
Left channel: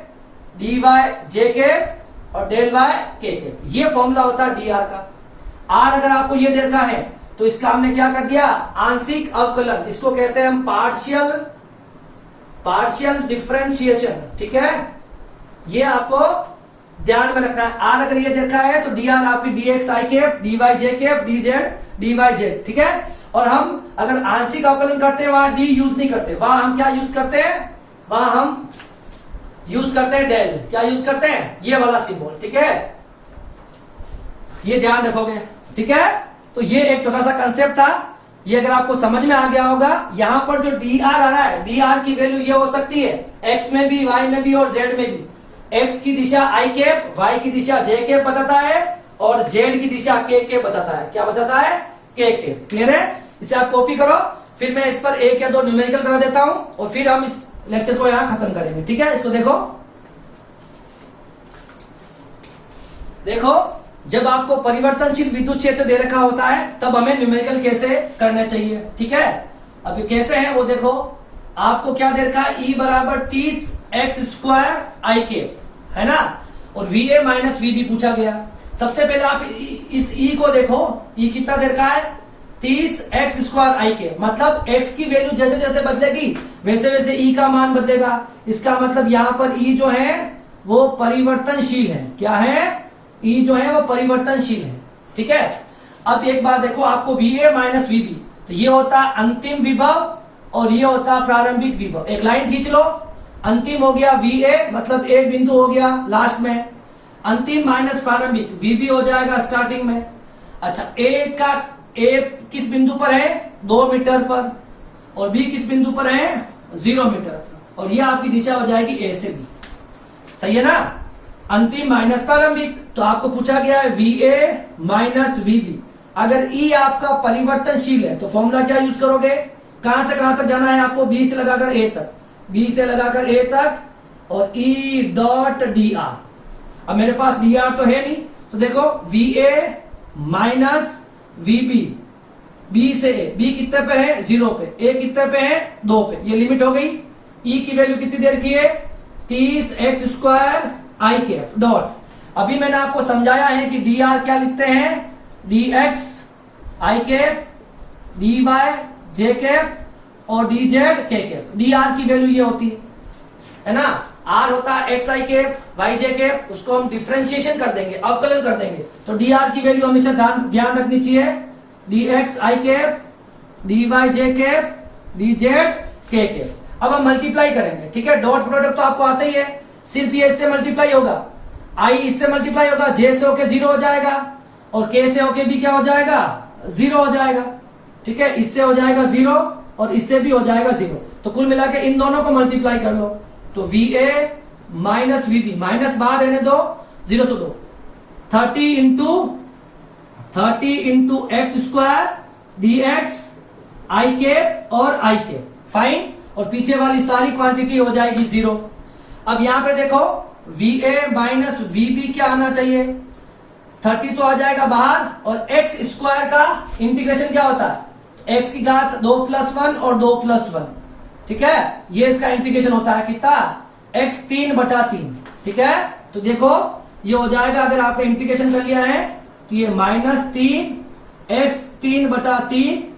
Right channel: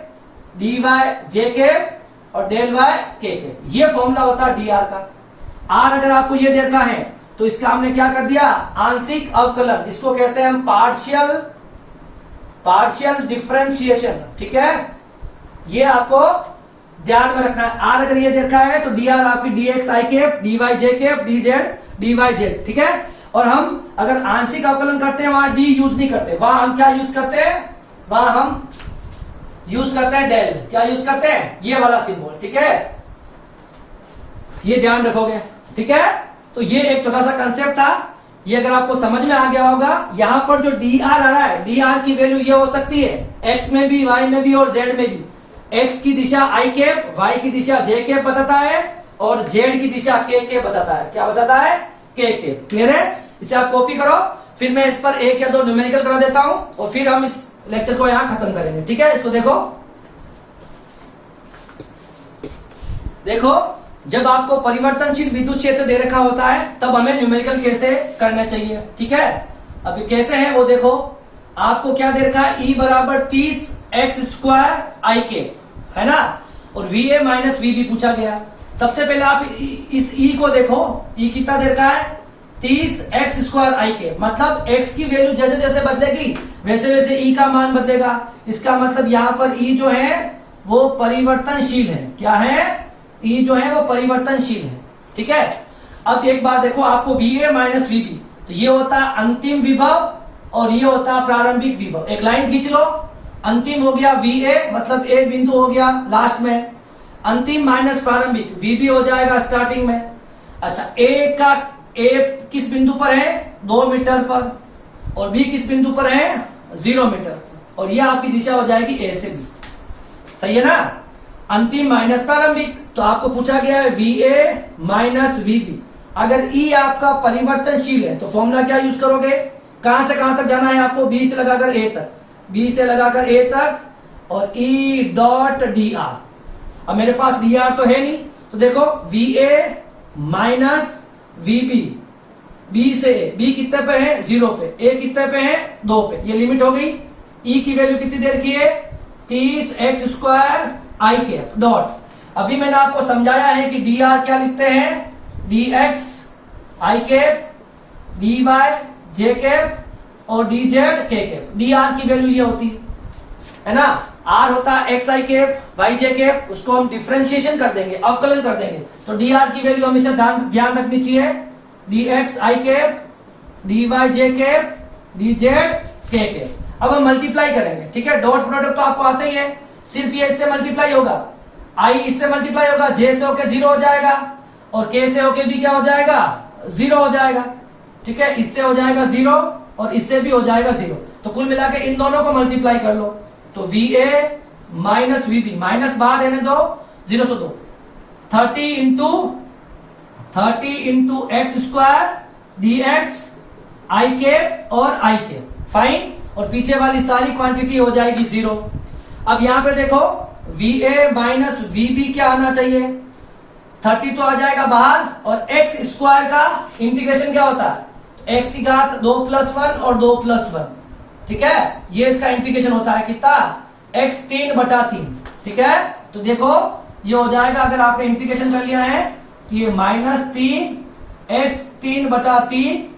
D Y J cap और डेल वाई के केप। ये फॉर्मूला होता है डी आर का। आर अगर आपको ये देखा है तो इसका हमने क्या कर दिया, आंशिक अवकलन, इसको कहते हैं हम पार्शियल डिफरेंशिएशन। ठीक है, ये आपको ध्यान में रखना है। आर अगर ये देखा है तो डी आर आपकी D X I cap D Y J cap D Z D Y Z. ठीक है, और हम अगर आंशिक अवकलन करते हैं वहां डी यूज नहीं करते, वहां हम क्या यूज करते हैं, वहां हम यूज करते हैं डेल। क्या यूज करते हैं, ये वाला सिंबल। ठीक है, ये ध्यान रखोगे। ठीक है, तो ये एक छोटा सा कंसेप्ट था, ये अगर आपको समझ में आ गया होगा। यहां पर जो डी आर आ रहा है, डी आर की वैल्यू ये हो सकती है एक्स में भी, वाई में भी और जेड में भी। एक्स की दिशा आई केप, वाई की दिशा जे केप बताता है और जेड की दिशा के केप बताता है। क्या बताता है, के केप। क्लियर है, इसे आप कॉपी करो, फिर मैं इस पर एक या दो न्यूमेरिकल करा देता हूं और फिर हम इस लेक्चर को यहां खत्म करेंगे। ठीक है, इसको देखो, देखो जब आपको परिवर्तनशील विद्युत क्षेत्र दे रखा होता है तब हमें न्यूमेरिकल कैसे करना चाहिए। ठीक है, अब ये कैसे है वो देखो। आपको क्या दे रखा है, E बराबर 30 एक्स स्क्वायर आई के, है ना, और VA माइनस VB पूछा गया। सबसे पहले आप इस E को देखो, E कितना दे रखा है, 30 एक्स स्क्वायर आई के। मतलब x की वैल्यू जैसे जैसे बदलेगी वैसे वैसे E का मान बदलेगा। इसका मतलब यहाँ पर E जो है वो परिवर्तनशील है। क्या है, E जो है वो परिवर्तनशील है। ठीक है, अब एक बार देखो, आपको VA माइनस VB, तो ये होता है अंतिम विभव और ये होता है प्रारंभिक विभव। एक लाइन खींच लो, अंतिम हो गया VA, मतलब एक बिंदु हो गया लास्ट में, अंतिम माइनस प्रारंभिक VB हो जाएगा स्टार्टिंग में। अच्छा, A किस बिंदु पर है, 2 मीटर पर, और B किस बिंदु पर है, 0 मीटर, और यह आपकी दिशा हो जाएगी A से B। सही है ना, अंतिम माइनस प्रारंभिक। तो आपको पूछा गया है VA माइनस VB। अगर E आपका परिवर्तनशील है तो फॉर्मूला क्या यूज करोगे, कहां से कहां तक जाना है आपको, B से लगाकर A तक, B से लगाकर A तक और E डॉट DR। अब मेरे पास DR तो है नहीं, तो देखो VA माइनस VB, B से A, B कितने पे है, 0 पे, A कितने पे है, 2 पे, ये लिमिट हो गई। E की वैल्यू कितनी देर की है, 30 एक्स स्क्वायर आई कैप डॉट। अभी मैंने आपको समझाया है कि DR क्या लिखते हैं, DX आई कैप DY जे कैप और DZ के कैप। DR की वैल्यू ये होती है ना, R होता है एक्स आई कैप वाई जे कैप, उसको हम डिफरेंशिएशन कर देंगे, अवकलन कर देंगे। तो DR की वैल्यू हमेशा ध्यान रखनी चाहिए, DX आई कैप DY जे कैप DZ के कैप। अब हम मल्टीप्लाई करेंगे। ठीक है, डॉट प्रोडक्ट तो आपको आता ही है, सिर्फ ये इससे मल्टीप्लाई होगा, I इससे मल्टीप्लाई होगा, J से होके 0 हो जाएगा और K से होके भी क्या हो जाएगा, 0 हो जाएगा। ठीक है, इससे हो जाएगा 0 और इससे भी हो जाएगा 0। तो कुल मिला के इन दोनों को मल्टीप्लाई कर लो, तो VA माइनस VB, माइनस बाहर रहने दो, 0 से 2, 30 इंटू एक्स स्क्वायर DX आई कैप और आई कैप, फाइन, और पीछे वाली सारी क्वांटिटी हो जाएगी 0। अब यहां पर देखो VA माइनस VB क्या आना चाहिए, 30 तो आ जाएगा बाहर, और एक्स स्क्वायर का इंटीग्रेशन क्या होता है, एक्स की घात 2 + 1 और 2 + 1। ठीक है, ये इसका इंटीग्रेशन होता है कितना, x 3/3। ठीक है, तो देखो ये हो जाएगा, अगर आपने इंटीग्रेशन कर लिया है तो ये -3 x 3/3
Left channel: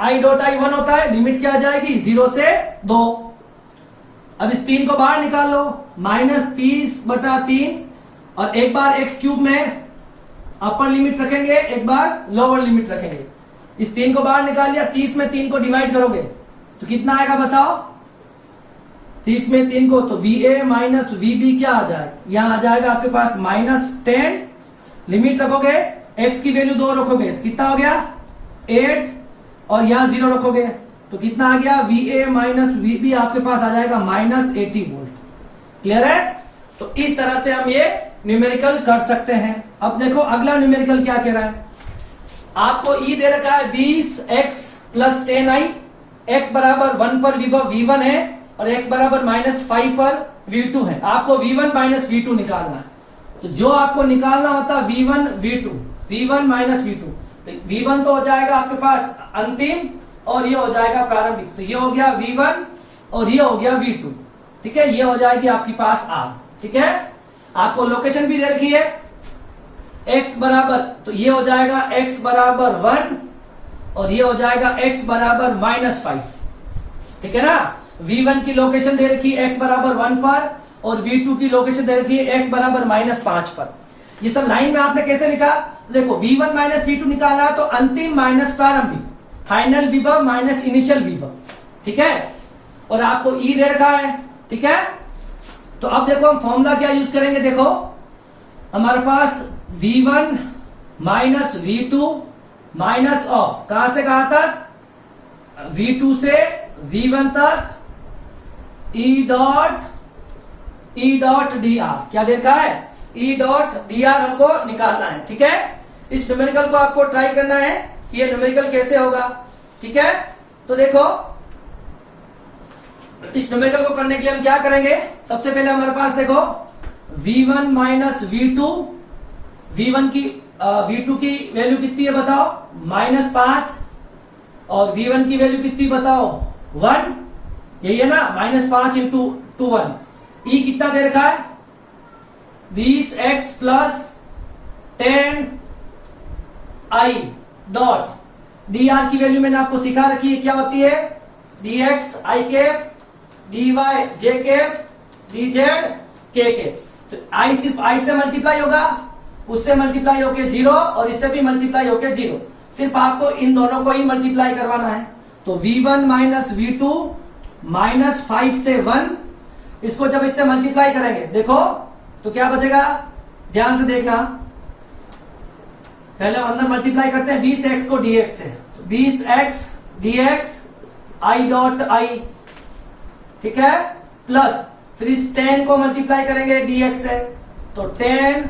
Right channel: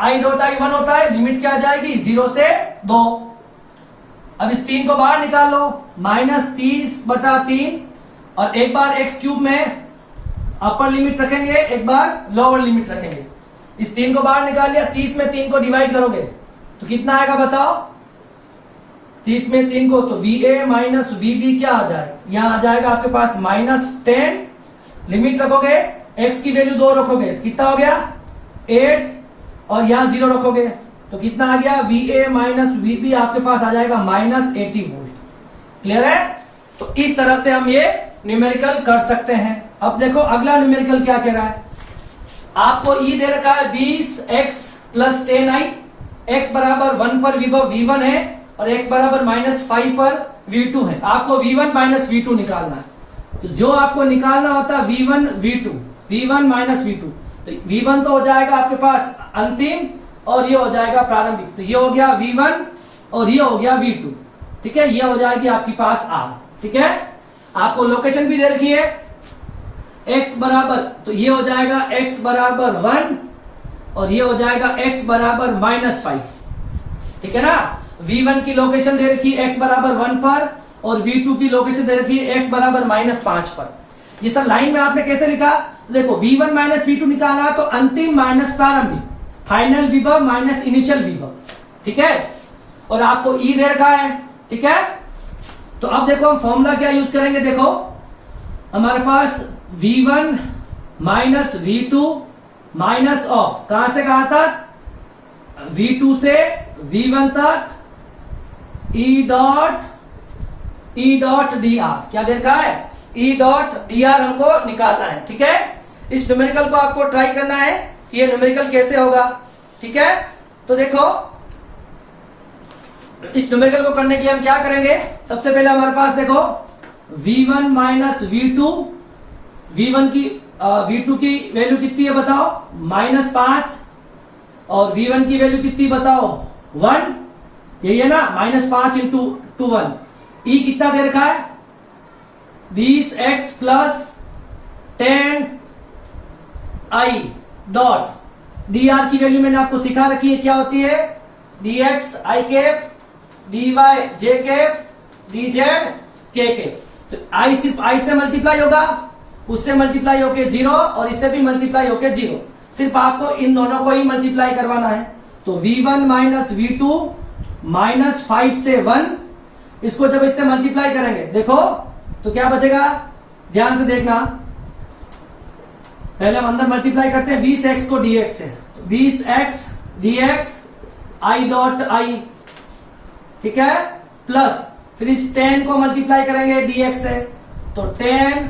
i डॉट i 1 होता है, लिमिट क्या आ जाएगी 0 से 2। अब इस 3 को बाहर निकाल लो, -30/3, और एक बार x क्यूब में अपर लिमिट रखेंगे, एक बार लोअर लिमिट रखेंगे। इस 3 को बाहर निकाल लिया, 30 में 3 को डिवाइड करोगे तो कितना आएगा बताओ, 30 में 3 को, तो VA माइनस VB क्या आ जाएगा, यहां आ जाएगा आपके पास -10, लिमिट रखोगे, x की वैल्यू 2 रखोगे तो कितना हो गया 8, और यहां 0 रखोगे तो कितना आ गया, VA माइनस VB आपके पास आ जाएगा -80 वोल्ट। क्लियर है, तो इस तरह से हम ये न्यूमेरिकल कर सकते हैं। अब देखो अगला न्यूमेरिकल क्या कह रहा है, आपको E दे रखा है 20x + 10i, x बराबर 1 पर विभव V1 है और x बराबर -5 पर V2 है। आपको V1 माइनस V2 निकालना है, तो जो आपको निकालना होता है V1 V2, V1 minus V2, तो V1 तो हो जाएगा आपके पास अंतिम और ये हो जाएगा प्रारंभिक। तो ये हो गया V1 और ये हो गया V2। ठीक है, ये हो जाएगी आपके पास R। ठीक है, आपको लोकेशन भी दे रखी है x बराबर, तो ये हो जाएगा x बराबर 1 और ये हो जाएगा x बराबर -5। ठीक है ना, V1 की लोकेशन दे रखी है x बराबर 1 पर और V2 की लोकेशन दे रखी है x बराबर -5 पर। ये सर लाइन में आपने कैसे लिखा? देखो V1 माइनस V2 निकाला तो अंतिम माइनस प्रारंभिक, फाइनल विभव माइनस इनिशियल विभव। ठीक है, और आपको E दे रखा है। ठीक है, तो अब देखो हम फॉर्मूला क्या यूज करेंगे। देखो हमारे पास V1 minus V2 minus of कहां से कहां तक, V2 से V1 तक E डॉट dr। क्या देखा है? E डॉट dr हमको निकालना है। ठीक है, इस न्यूमेरिकल को आपको ट्राई करना है कि ये न्यूमेरिकल कैसे होगा। ठीक है, तो देखो इस न्यूमेरिकल को करने के लिए हम क्या करेंगे, सबसे पहले हमारे पास देखो V1 माइनस V2, V2 की वैल्यू कितनी है बताओ, -5, और V1 की वैल्यू कितनी बताओ 1, यही है ना, -5 इंटू 1। E कितना दे रखा है 20x plus 10i dot dr की वैल्यू मैंने आपको सिखा रखी है क्या होती है, dx i cap dy j cap dz k cap. तो i सिर्फ i से मल्टीप्लाई होगा, उससे मल्टीप्लाई होके 0 और इससे भी मल्टीप्लाई होके 0। सिर्फ आपको इन दोनों को ही मल्टीप्लाई करवाना है। तो V1 माइनस V2 -5 से 1, इसको जब इससे मल्टीप्लाई करेंगे देखो तो क्या बचेगा, ध्यान से देखना। पहले हम अंदर मल्टीप्लाई करते हैं 20x को dx से, तो 20x dx i dot i। ठीक है, प्लस फिर इस 10 को मल्टीप्लाई करेंगे dx से, तो 10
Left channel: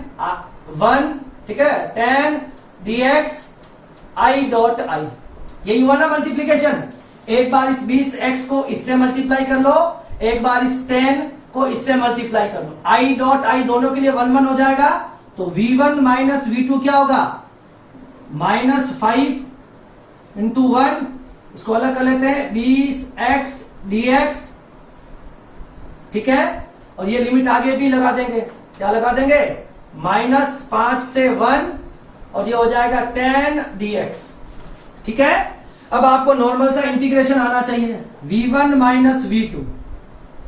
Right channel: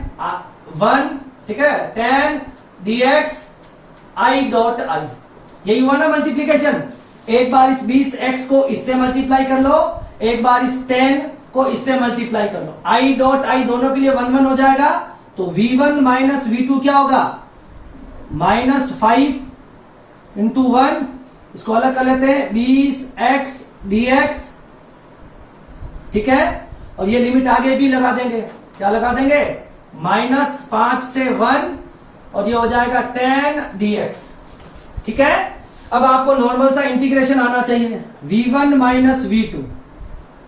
1। ठीक है, 10 dx i डॉट i। यही हुआ ना मल्टीप्लीकेशन। एक बार इस 20x को इससे मल्टीप्लाई कर लो, एक बार इस 10 को इससे मल्टीप्लाई कर लो, i डॉट i दोनों के लिए 1 1 हो जाएगा। तो V1 माइनस V2 क्या होगा, -5 इंटू 1, इसको अलग कर लेते हैं 20x dx। ठीक है, और ये लिमिट आगे भी लगा देंगे, क्या लगा देंगे, -5 से 1 और ये हो जाएगा 10 dx। ठीक है, अब आपको नॉर्मल सा इंटीग्रेशन आना चाहिए, V1 माइनस V2।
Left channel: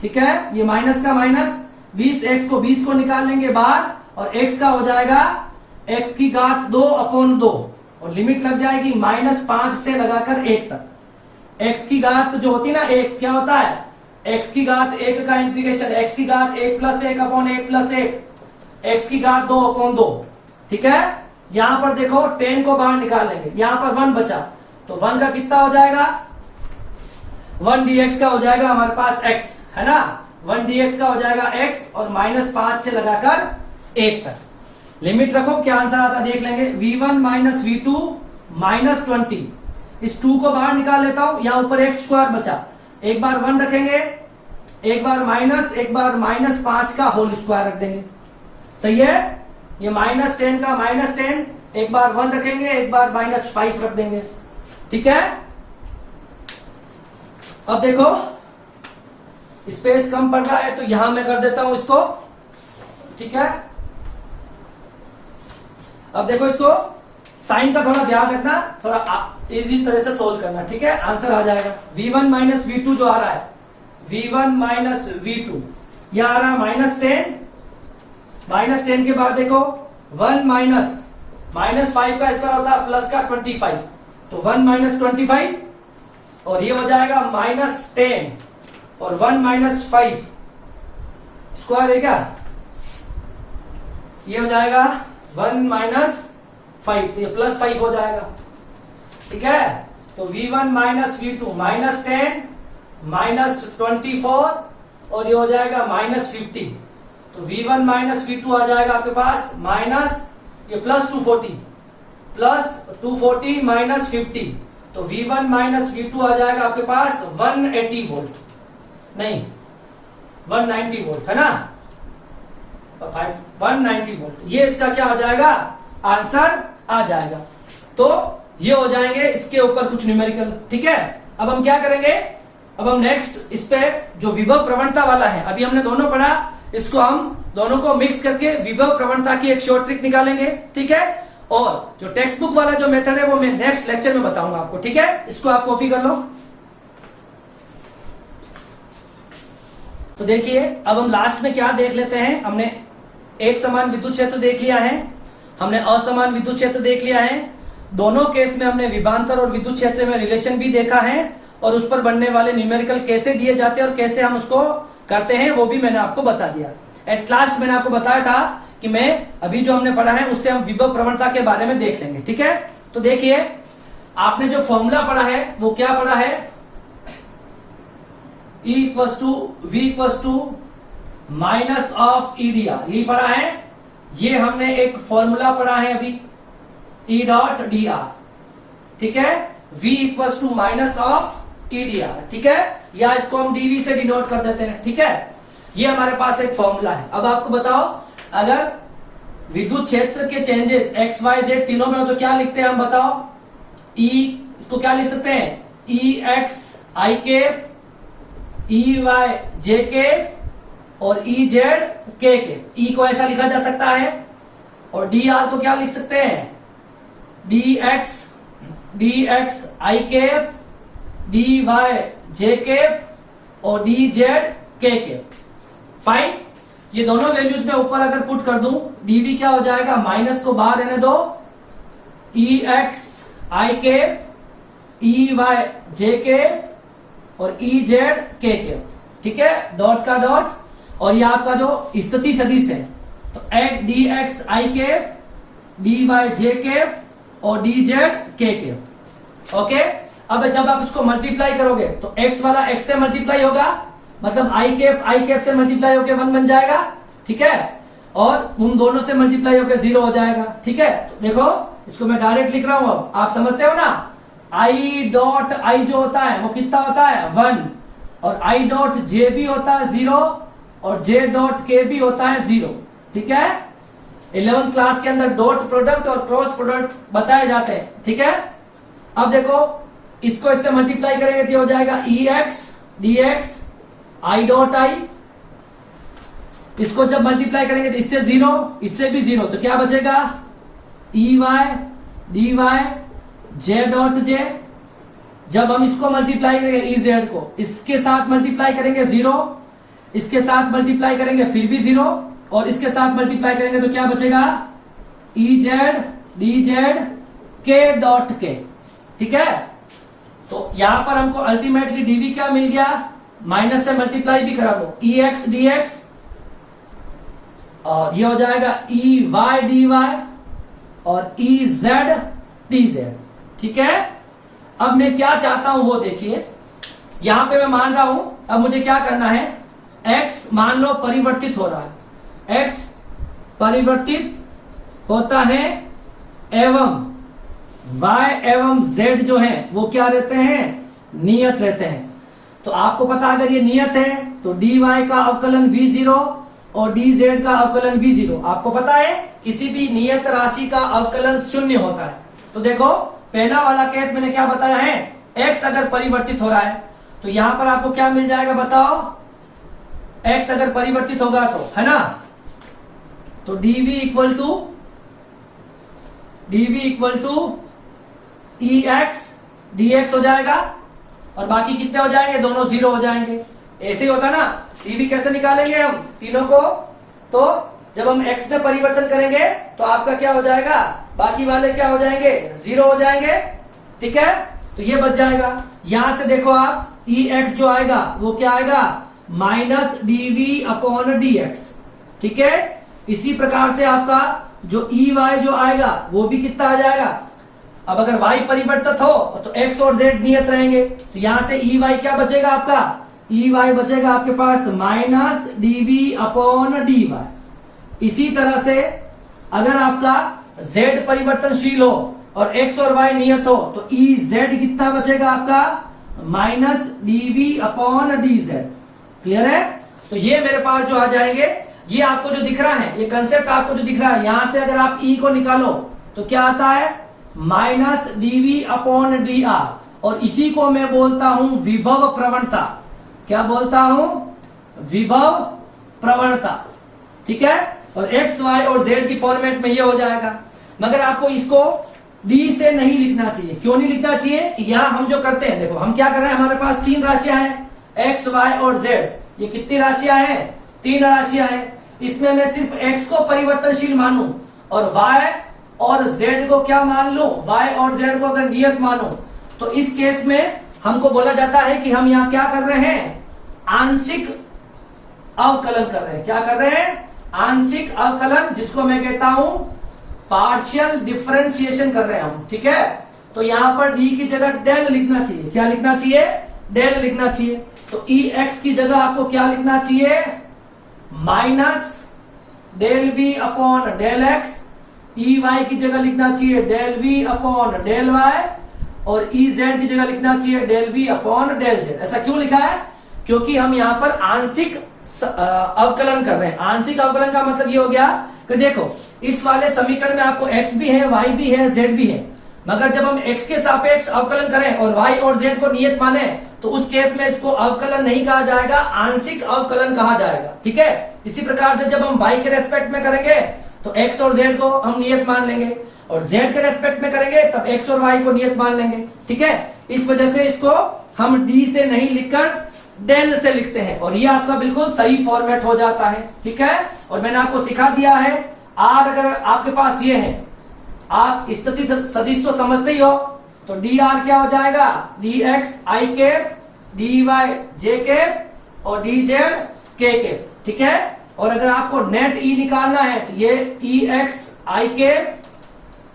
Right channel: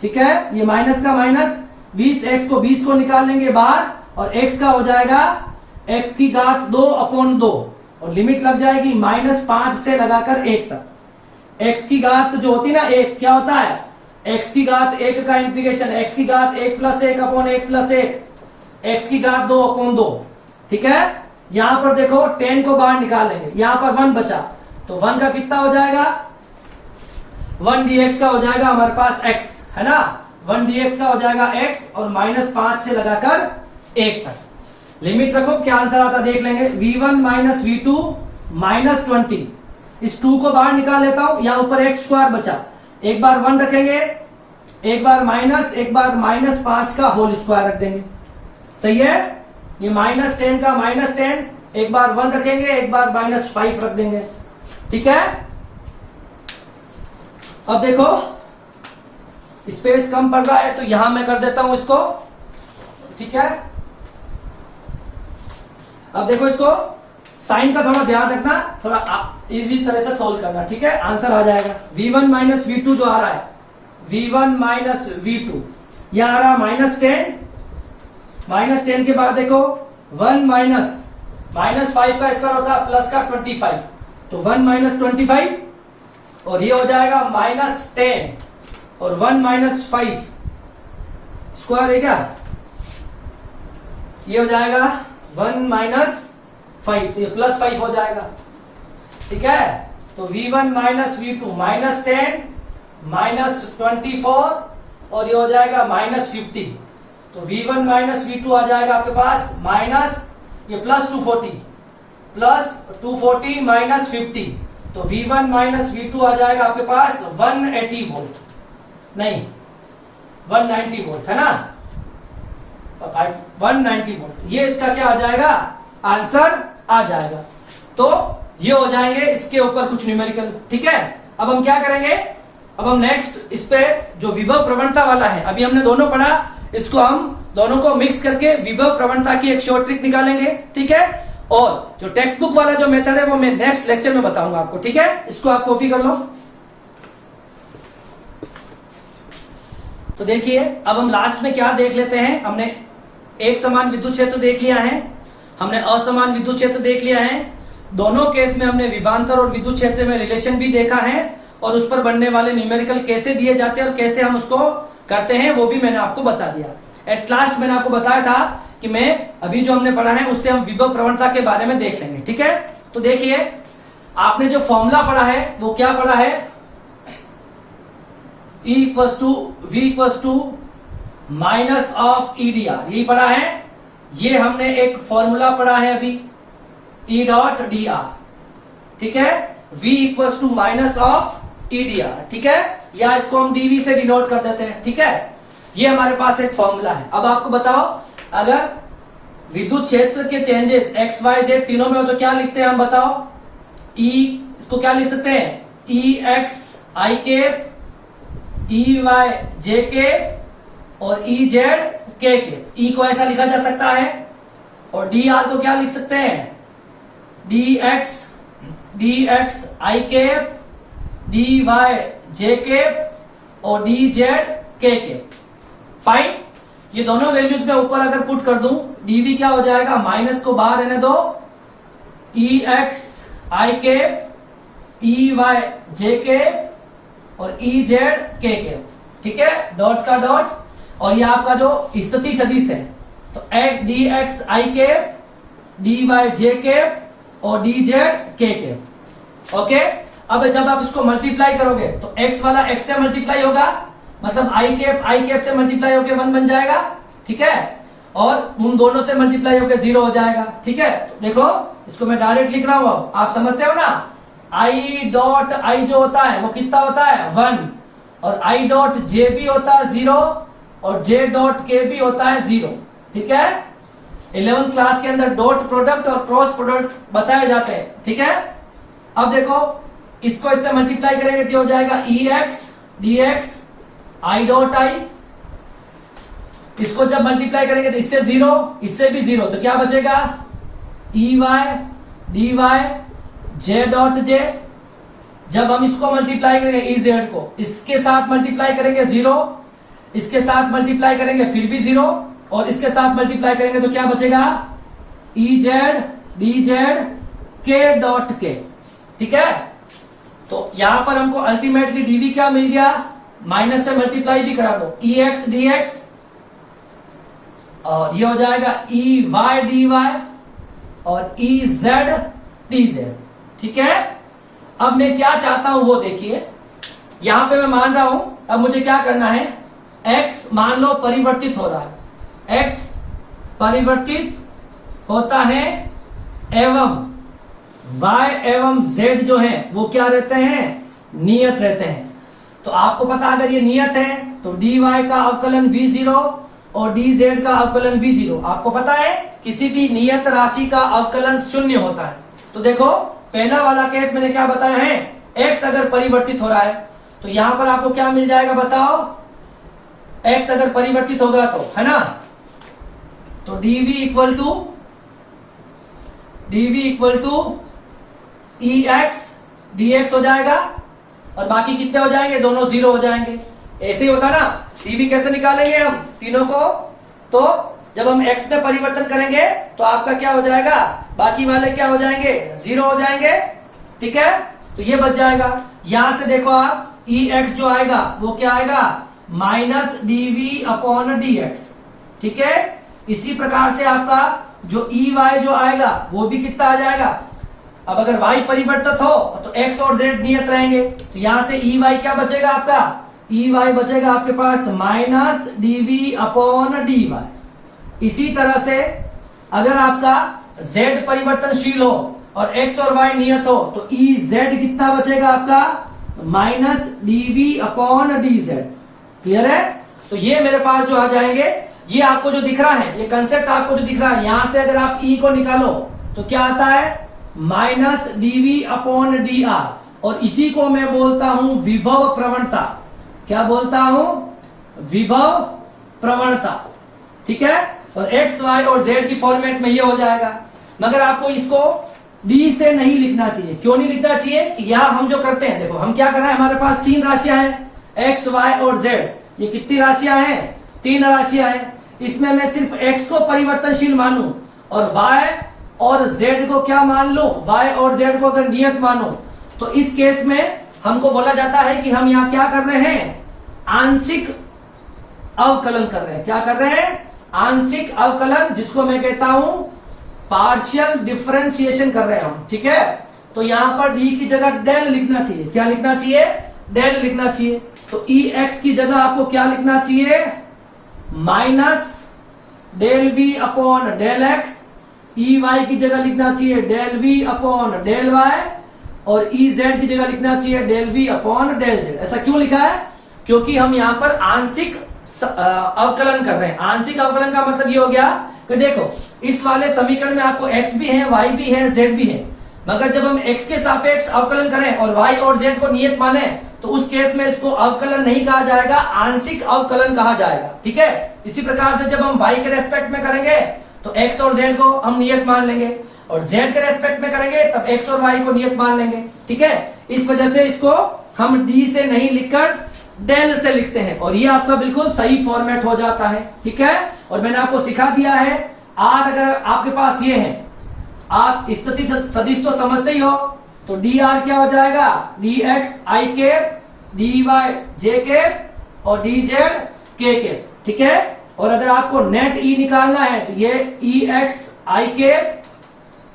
ठीक है, ये माइनस का माइनस, 20x को 20 को निकाल लेंगे बाहर और x का हो जाएगा x की घात 2/2 और लिमिट लग जाएगी -5 से लगाकर 1 तक। x की घात जो होती ना 1, क्या होता है, x की घात 1 का इंटीग्रेशन, x की घात 1 प्लस 1/1 प्लस 1, x की घात 2/2। ठीक है, यहां पर देखो 10 को बाहर निकाल लेंगे, यहां पर 1 बचा, तो 1 का कितना हो जाएगा, 1 dx का हो जाएगा हमारे पास x, है ना, 1 dx का हो जाएगा x और -5 से लगाकर 1 तक। लिमिट रखो, क्या आंसर आता देख लेंगे। V1 माइनस V2 -20, इस 2 को बाहर निकाल लेता हूं, यहां ऊपर x² बचा, एक बार 1 रखेंगे, एक बार माइनस, एक बार -5 का होल स्क्वायर रख देंगे। सही है, ये -10 का -10, एक बार 1 रखेंगे, एक बार -5 रख देंगे। ठीक है, अब देखो स्पेस कम पड़ रहा है तो यहां मैं कर देता हूं इसको। ठीक है, अब देखो इसको साइन का थोड़ा ध्यान रखना, थोड़ा इजी तरह से सोल्व करना। ठीक है, आंसर आ जाएगा V1 माइनस V2 जो आ रहा है, V1 माइनस V2 यह आ रहा है -10 के बाद देखो 1 -5 का स्क्वायर होता है प्लस का 25, तो 1 - 25 और ये हो जाएगा -10 और 1 - 5 स्क्वायर है क्या, ये हो जाएगा 1 - 5, तो ये +5 हो जाएगा। ठीक है, तो V1 माइनस V2 -10 -24 और ये हो जाएगा -50, तो V1 माइनस V2 आ जाएगा आपके पास माइनस, ये +240 -50, तो V1 माइनस V2 आ जाएगा आपके पास 180 वोल्ट, नहीं 190 वोल्ट, है ना, 190 वोल्ट। ये इसका क्या आ जाएगा, आंसर आ जाएगा। तो ये हो जाएंगे इसके ऊपर कुछ न्यूमेरिकल। ठीक है, अब हम क्या करेंगे, अब हम नेक्स्ट इस पे जो विभव प्रवणता वाला है, अभी हमने दोनों पढ़ा, इसको हम दोनों को मिक्स करके विभव प्रवणता की एक शॉर्ट ट्रिक निकालेंगे। ठीक है, और जो टेक्स्ट बुक वाला जो मेथड है वो मैं नेक्स्ट लेक्चर में बताऊंगा आपको। ठीक है, इसको आप कॉपी कर लो। तो देखिए अब हम लास्ट में क्या देख लेते हैं, हमने एक समान विद्युत क्षेत्र देख लिया है, हमने असमान विद्युत क्षेत्र देख लिया है, दोनों केस में हमने विभवांतर और विद्युत क्षेत्र में रिलेशन भी देखा है, और उस पर बनने वाले न्यूमेरिकल कैसे दिए जाते हैं और कैसे हम उसको करते हैं वो भी मैंने आपको बता दिया। एट लास्ट मैंने आपको बताया था कि मैं अभी जो हमने पढ़ा है उससे हम विभव प्रवणता के बारे में देख लेंगे। ठीक है, तो देखिए आपने जो फॉर्मूला पढ़ा है वो क्या पढ़ा है, E = V = minus of EDR, यही पढ़ा है। ये हमने एक फॉर्मूला पढ़ा है अभी, E.dr। ठीक है, V = माइनस ऑफ EDR। ठीक है, या इसको हम dV से डिनोट कर देते हैं। ठीक है, ये हमारे पास एक फॉर्मूला है। अब आपको बताओ, अगर विद्युत क्षेत्र के चेंजेस x y z तीनों में हो तो क्या लिखते हैं हम, बताओ। E इसको क्या लिख सकते हैं, EX I cap, EY J cap और EZ K कैप। E को ऐसा लिखा जा सकता है, और dr को क्या लिख सकते हैं, dx I cap, dy J cap और dz K कैप। फाइन, ये दोनों वैल्यूज में ऊपर अगर पुट कर दूं, dv क्या हो जाएगा, माइनस को बाहर रहने दो, ex I cap, ey J cap और EZ K कैप। ठीक है, डॉट का डॉट, और ये आपका जो स्थिति सदिश है, तो dx I cap, dy J cap और dz K कैप। ओके, अब जब आप इसको मल्टीप्लाई करोगे तो x वाला x से मल्टीप्लाई होगा, मतलब I कैप से मल्टीप्लाई होकर 1 बन जाएगा। ठीक है, और उन दोनों से मल्टीप्लाई होकर 0 हो जाएगा। ठीक है, तो देखो इसको मैं डायरेक्ट लिख रहा हूं, अब आप समझते हो ना। I डॉट I जो होता है वो कितना होता है, 1, और I डॉट J भी होता है 0, और J डॉट K भी होता है 0। ठीक है, 11th क्लास के अंदर डॉट प्रोडक्ट और क्रॉस प्रोडक्ट बताए जाते हैं। ठीक है, अब देखो इसको इससे मल्टीप्लाई करेंगे तो हो जाएगा EX DX I dot I, इसको जब मल्टीप्लाई करेंगे तो इससे 0, इससे भी 0, तो क्या बचेगा, EY DY J dot J। जब हम इसको मल्टीप्लाई करेंगे EZ को, इसके साथ मल्टीप्लाई करेंगे 0, इसके साथ मल्टीप्लाई करेंगे फिर भी 0, और इसके साथ मल्टीप्लाई करेंगे तो क्या बचेगा, EZ DZ K dot K। ठीक है, तो यहां पर हमको अल्टीमेटली dv क्या मिल गया, माइनस से मल्टीप्लाई भी करा दो, EX DX, और ये हो जाएगा EY DY और EZ DZ। ठीक है, अब मैं क्या चाहता हूं वो देखिए, यहां पे मैं मान रहा हूं, अब मुझे क्या करना है, x मान लो परिवर्तित हो रहा है, x परिवर्तित होता है, एवं y एवं z जो है वो क्या रहते हैं, नियत रहते हैं। तो आपको पता अगर ये नियत है तो dy का अवकलन v0 और dz का अवकलन v0। आपको पता है किसी भी नियत राशि का अवकलन 0 होता है। तो देखो पहला वाला केस मैंने क्या बताया है, x अगर परिवर्तित हो रहा है तो यहां पर आपको क्या मिल जाएगा बताओ, x अगर परिवर्तित होगा तो, है ना, तो dv equal to EX DX हो जाएगा, और बाकी कितने हो जाएंगे, दोनों 0 हो जाएंगे। ऐसे ही होता ना, dv कैसे निकालेंगे हम तीनों को, तो जब हम x में परिवर्तन करेंगे तो आपका क्या हो जाएगा, बाकी वाले क्या हो जाएंगे, 0 हो जाएंगे। ठीक है, तो ये बच जाएगा। यहां से देखो आप EX जो आएगा वो क्या आएगा, माइनस dv/dx। ठीक है, इसी प्रकार से आपका जो EY जो आएगा वो भी कितना आ जाएगा। अब अगर y परिवर्तित हो तो x और z नियत रहेंगे, तो यहां से EY क्या बचेगा आपका, EY बचेगा आपके पास माइनस dv/dy। इसी तरह से अगर आपका z परिवर्तनशील हो और x और y नियत हो तो EZ कितना बचेगा आपका, माइनस dv/dz। क्लियर है, तो ये मेरे पास जो आ जाएंगे, ये आपको जो दिख रहा है, ये कंसेप्ट आपको जो दिख रहा है, यहां से अगर आप E को निकालो तो क्या आता है, माइनस dv अपॉन dr, और इसी को मैं बोलता हूं विभव प्रवणता। क्या बोलता हूं? विभव प्रवणता। ठीक है, और x, y और z की फॉर्मेट में ये हो जाएगा। मगर आपको इसको d से नहीं लिखना चाहिए। क्यों नहीं लिखना चाहिए? यहां हम जो करते हैं, देखो हम क्या कर रहे हैं, हमारे पास 3 राशियां हैं, x, y और z। ये कितनी राशियां हैं? 3 राशियां हैं। इसमें मैं सिर्फ x को परिवर्तनशील मानूं और y और z को क्या मान लूं, y और z को अगर नियत मानूं, तो इस केस में हमको बोला जाता है कि हम यहाँ क्या कर रहे हैं? आंशिक अवकलन कर रहे हैं। क्या कर रहे हैं? आंशिक अवकलन, जिसको मैं कहता हूं पार्शियल डिफरेंशिएशन कर रहे हैं हम। ठीक है, तो यहां पर d की जगह डेल लिखना चाहिए। क्या लिखना चाहिए? डेल लिखना चाहिए। तो ex की जगह आपको क्या लिखना चाहिए? Minus del v upon del x. ey की जगह लिखना चाहिए del v upon del y, और ez की जगह लिखना चाहिए del v upon del z। ऐसा क्यों लिखा है? क्योंकि हम यहाँ पर आंशिक अवकलन कर रहे हैं। आंशिक अवकलन का मतलब ये हो गया कि देखो, इस वाले समीकरण में आपको x भी है, y भी है, z भी है, मगर जब हम x के सापेक्ष अवकलन करें और y और z को नियत माने, तो उस केस में इसको अवकलन नहीं कहा जाएगा, आंशिक अवकलन कहा जाएगा। ठीक है, इसी प्रकार से जब हम y के रेस्पेक्ट में करेंगे तो x और z को हम नियत मान लेंगे, और z के रेस्पेक्ट में करेंगे तब x और y को नियत मान लेंगे। ठीक है, इस वजह से इसको हम d से नहीं लिखकर डेल से लिखते हैं, और ये आपका बिल्कुल सही फॉर्मेट हो जाता है। ठीक है, और मैंने आपको सिखा दिया है, r अगर आपके पास ये है, आप स्थिति सदिश तो समझते ही हो, तो dr क्या हो जाएगा? dx i cap, dy j cap और dz k कैप। ठीक है, और अगर आपको नेट e निकालना है तो ये ex i cap,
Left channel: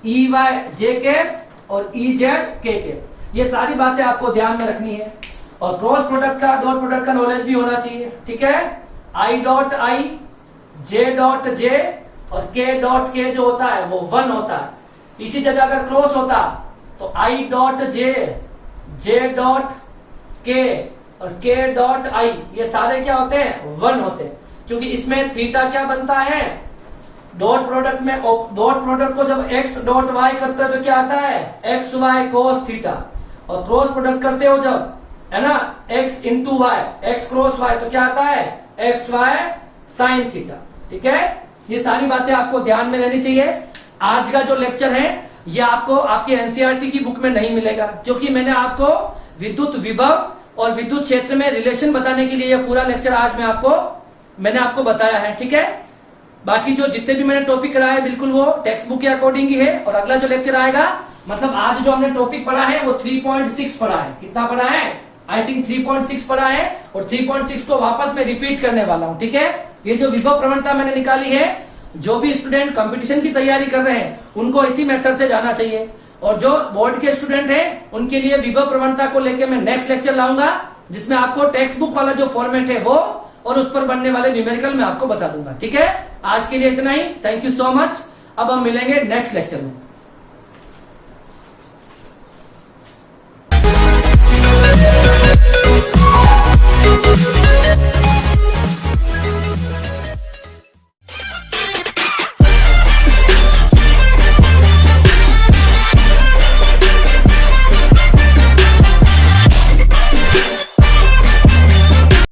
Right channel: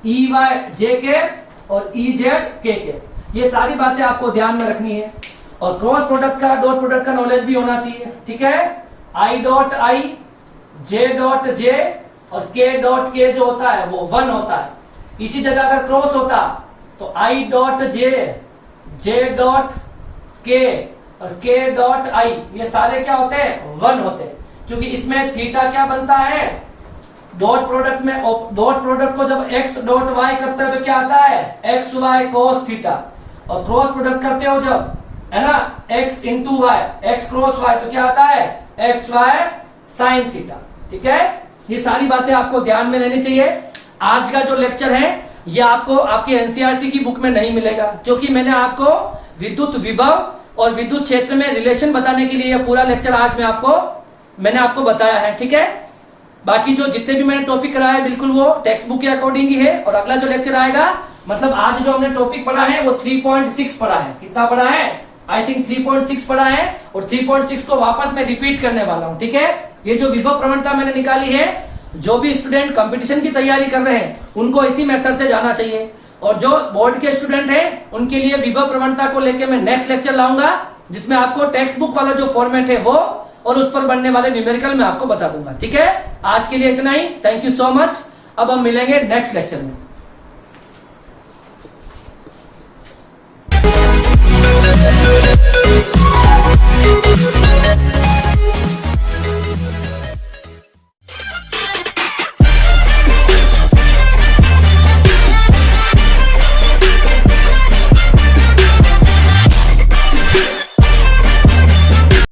ey j cap और ez k कैप। ये सारी बातें आपको ध्यान में रखनी है, और क्रॉस प्रोडक्ट का, डॉट प्रोडक्ट का नॉलेज भी होना चाहिए। ठीक है, i dot i, j dot j और k डॉट k जो होता है वो 1 होता है। इसी जगह अगर क्रॉस होता तो i dot j, j dot k और k डॉट i, ये सारे क्या होते हैं? 1 होते हैं, क्योंकि इसमें थीटा क्या बनता है? डॉट प्रोडक्ट में, डॉट प्रोडक्ट को जब x डॉट y करते हैं तो क्या आता है? x y cos थीटा, और क्रॉस प्रोडक्ट करते हो जब, है ना, x into y, x cross y, तो क्या आता है? x y sine theta. ठीक है, ये सारी बातें आपको ध्यान में लेनी चाहिए। आज का जो लेक्चर है ये आपको आपके एनसीईआरटी की बुक में नहीं मिलेगा, क्योंकि मैंने आपको विद्युत विभव और विद्युत क्षेत्र में रिलेशन बताने के लिए ये पूरा लेक्चर आज मैंने आपको बताया है। ठीक है, बाकी जो जितने भी मैंने टॉपिक कराया बिल्कुल वो टेक्स्ट बुक के अकॉर्डिंग ही है, और अगला जो लेक्चर आएगा, मतलब आज जो हमने टॉपिक पढ़ा है वो 3.6 पढ़ा है। कितना पढ़ा है? आई थिंक 3.6 पढ़ा है, और 3.6 को वापस मैं रिपीट करने वाला हूं। ठीक है, ये जो विभव प्रवणता मैंने निकाली है, जो भी स्टूडेंट कंपटीशन की तैयारी कर रहे हैं उनको इसी मेथड से जाना चाहिए, और जो बोर्ड के स्टूडेंट हैं उनके लिए विभव प्रवणता को लेकर मैं नेक्स्ट लेक्चर लाऊंगा, जिसमें आपको टेक्स्ट बुक वाला जो फॉर्मेट है वो और उस पर बनने वाले न्यूमेरिकल मैं आपको बता दूंगा। ठीक है, आज के लिए इतना ही। Thank you so much. अब हम मिलेंगे नेक्स्ट लेक्चर में।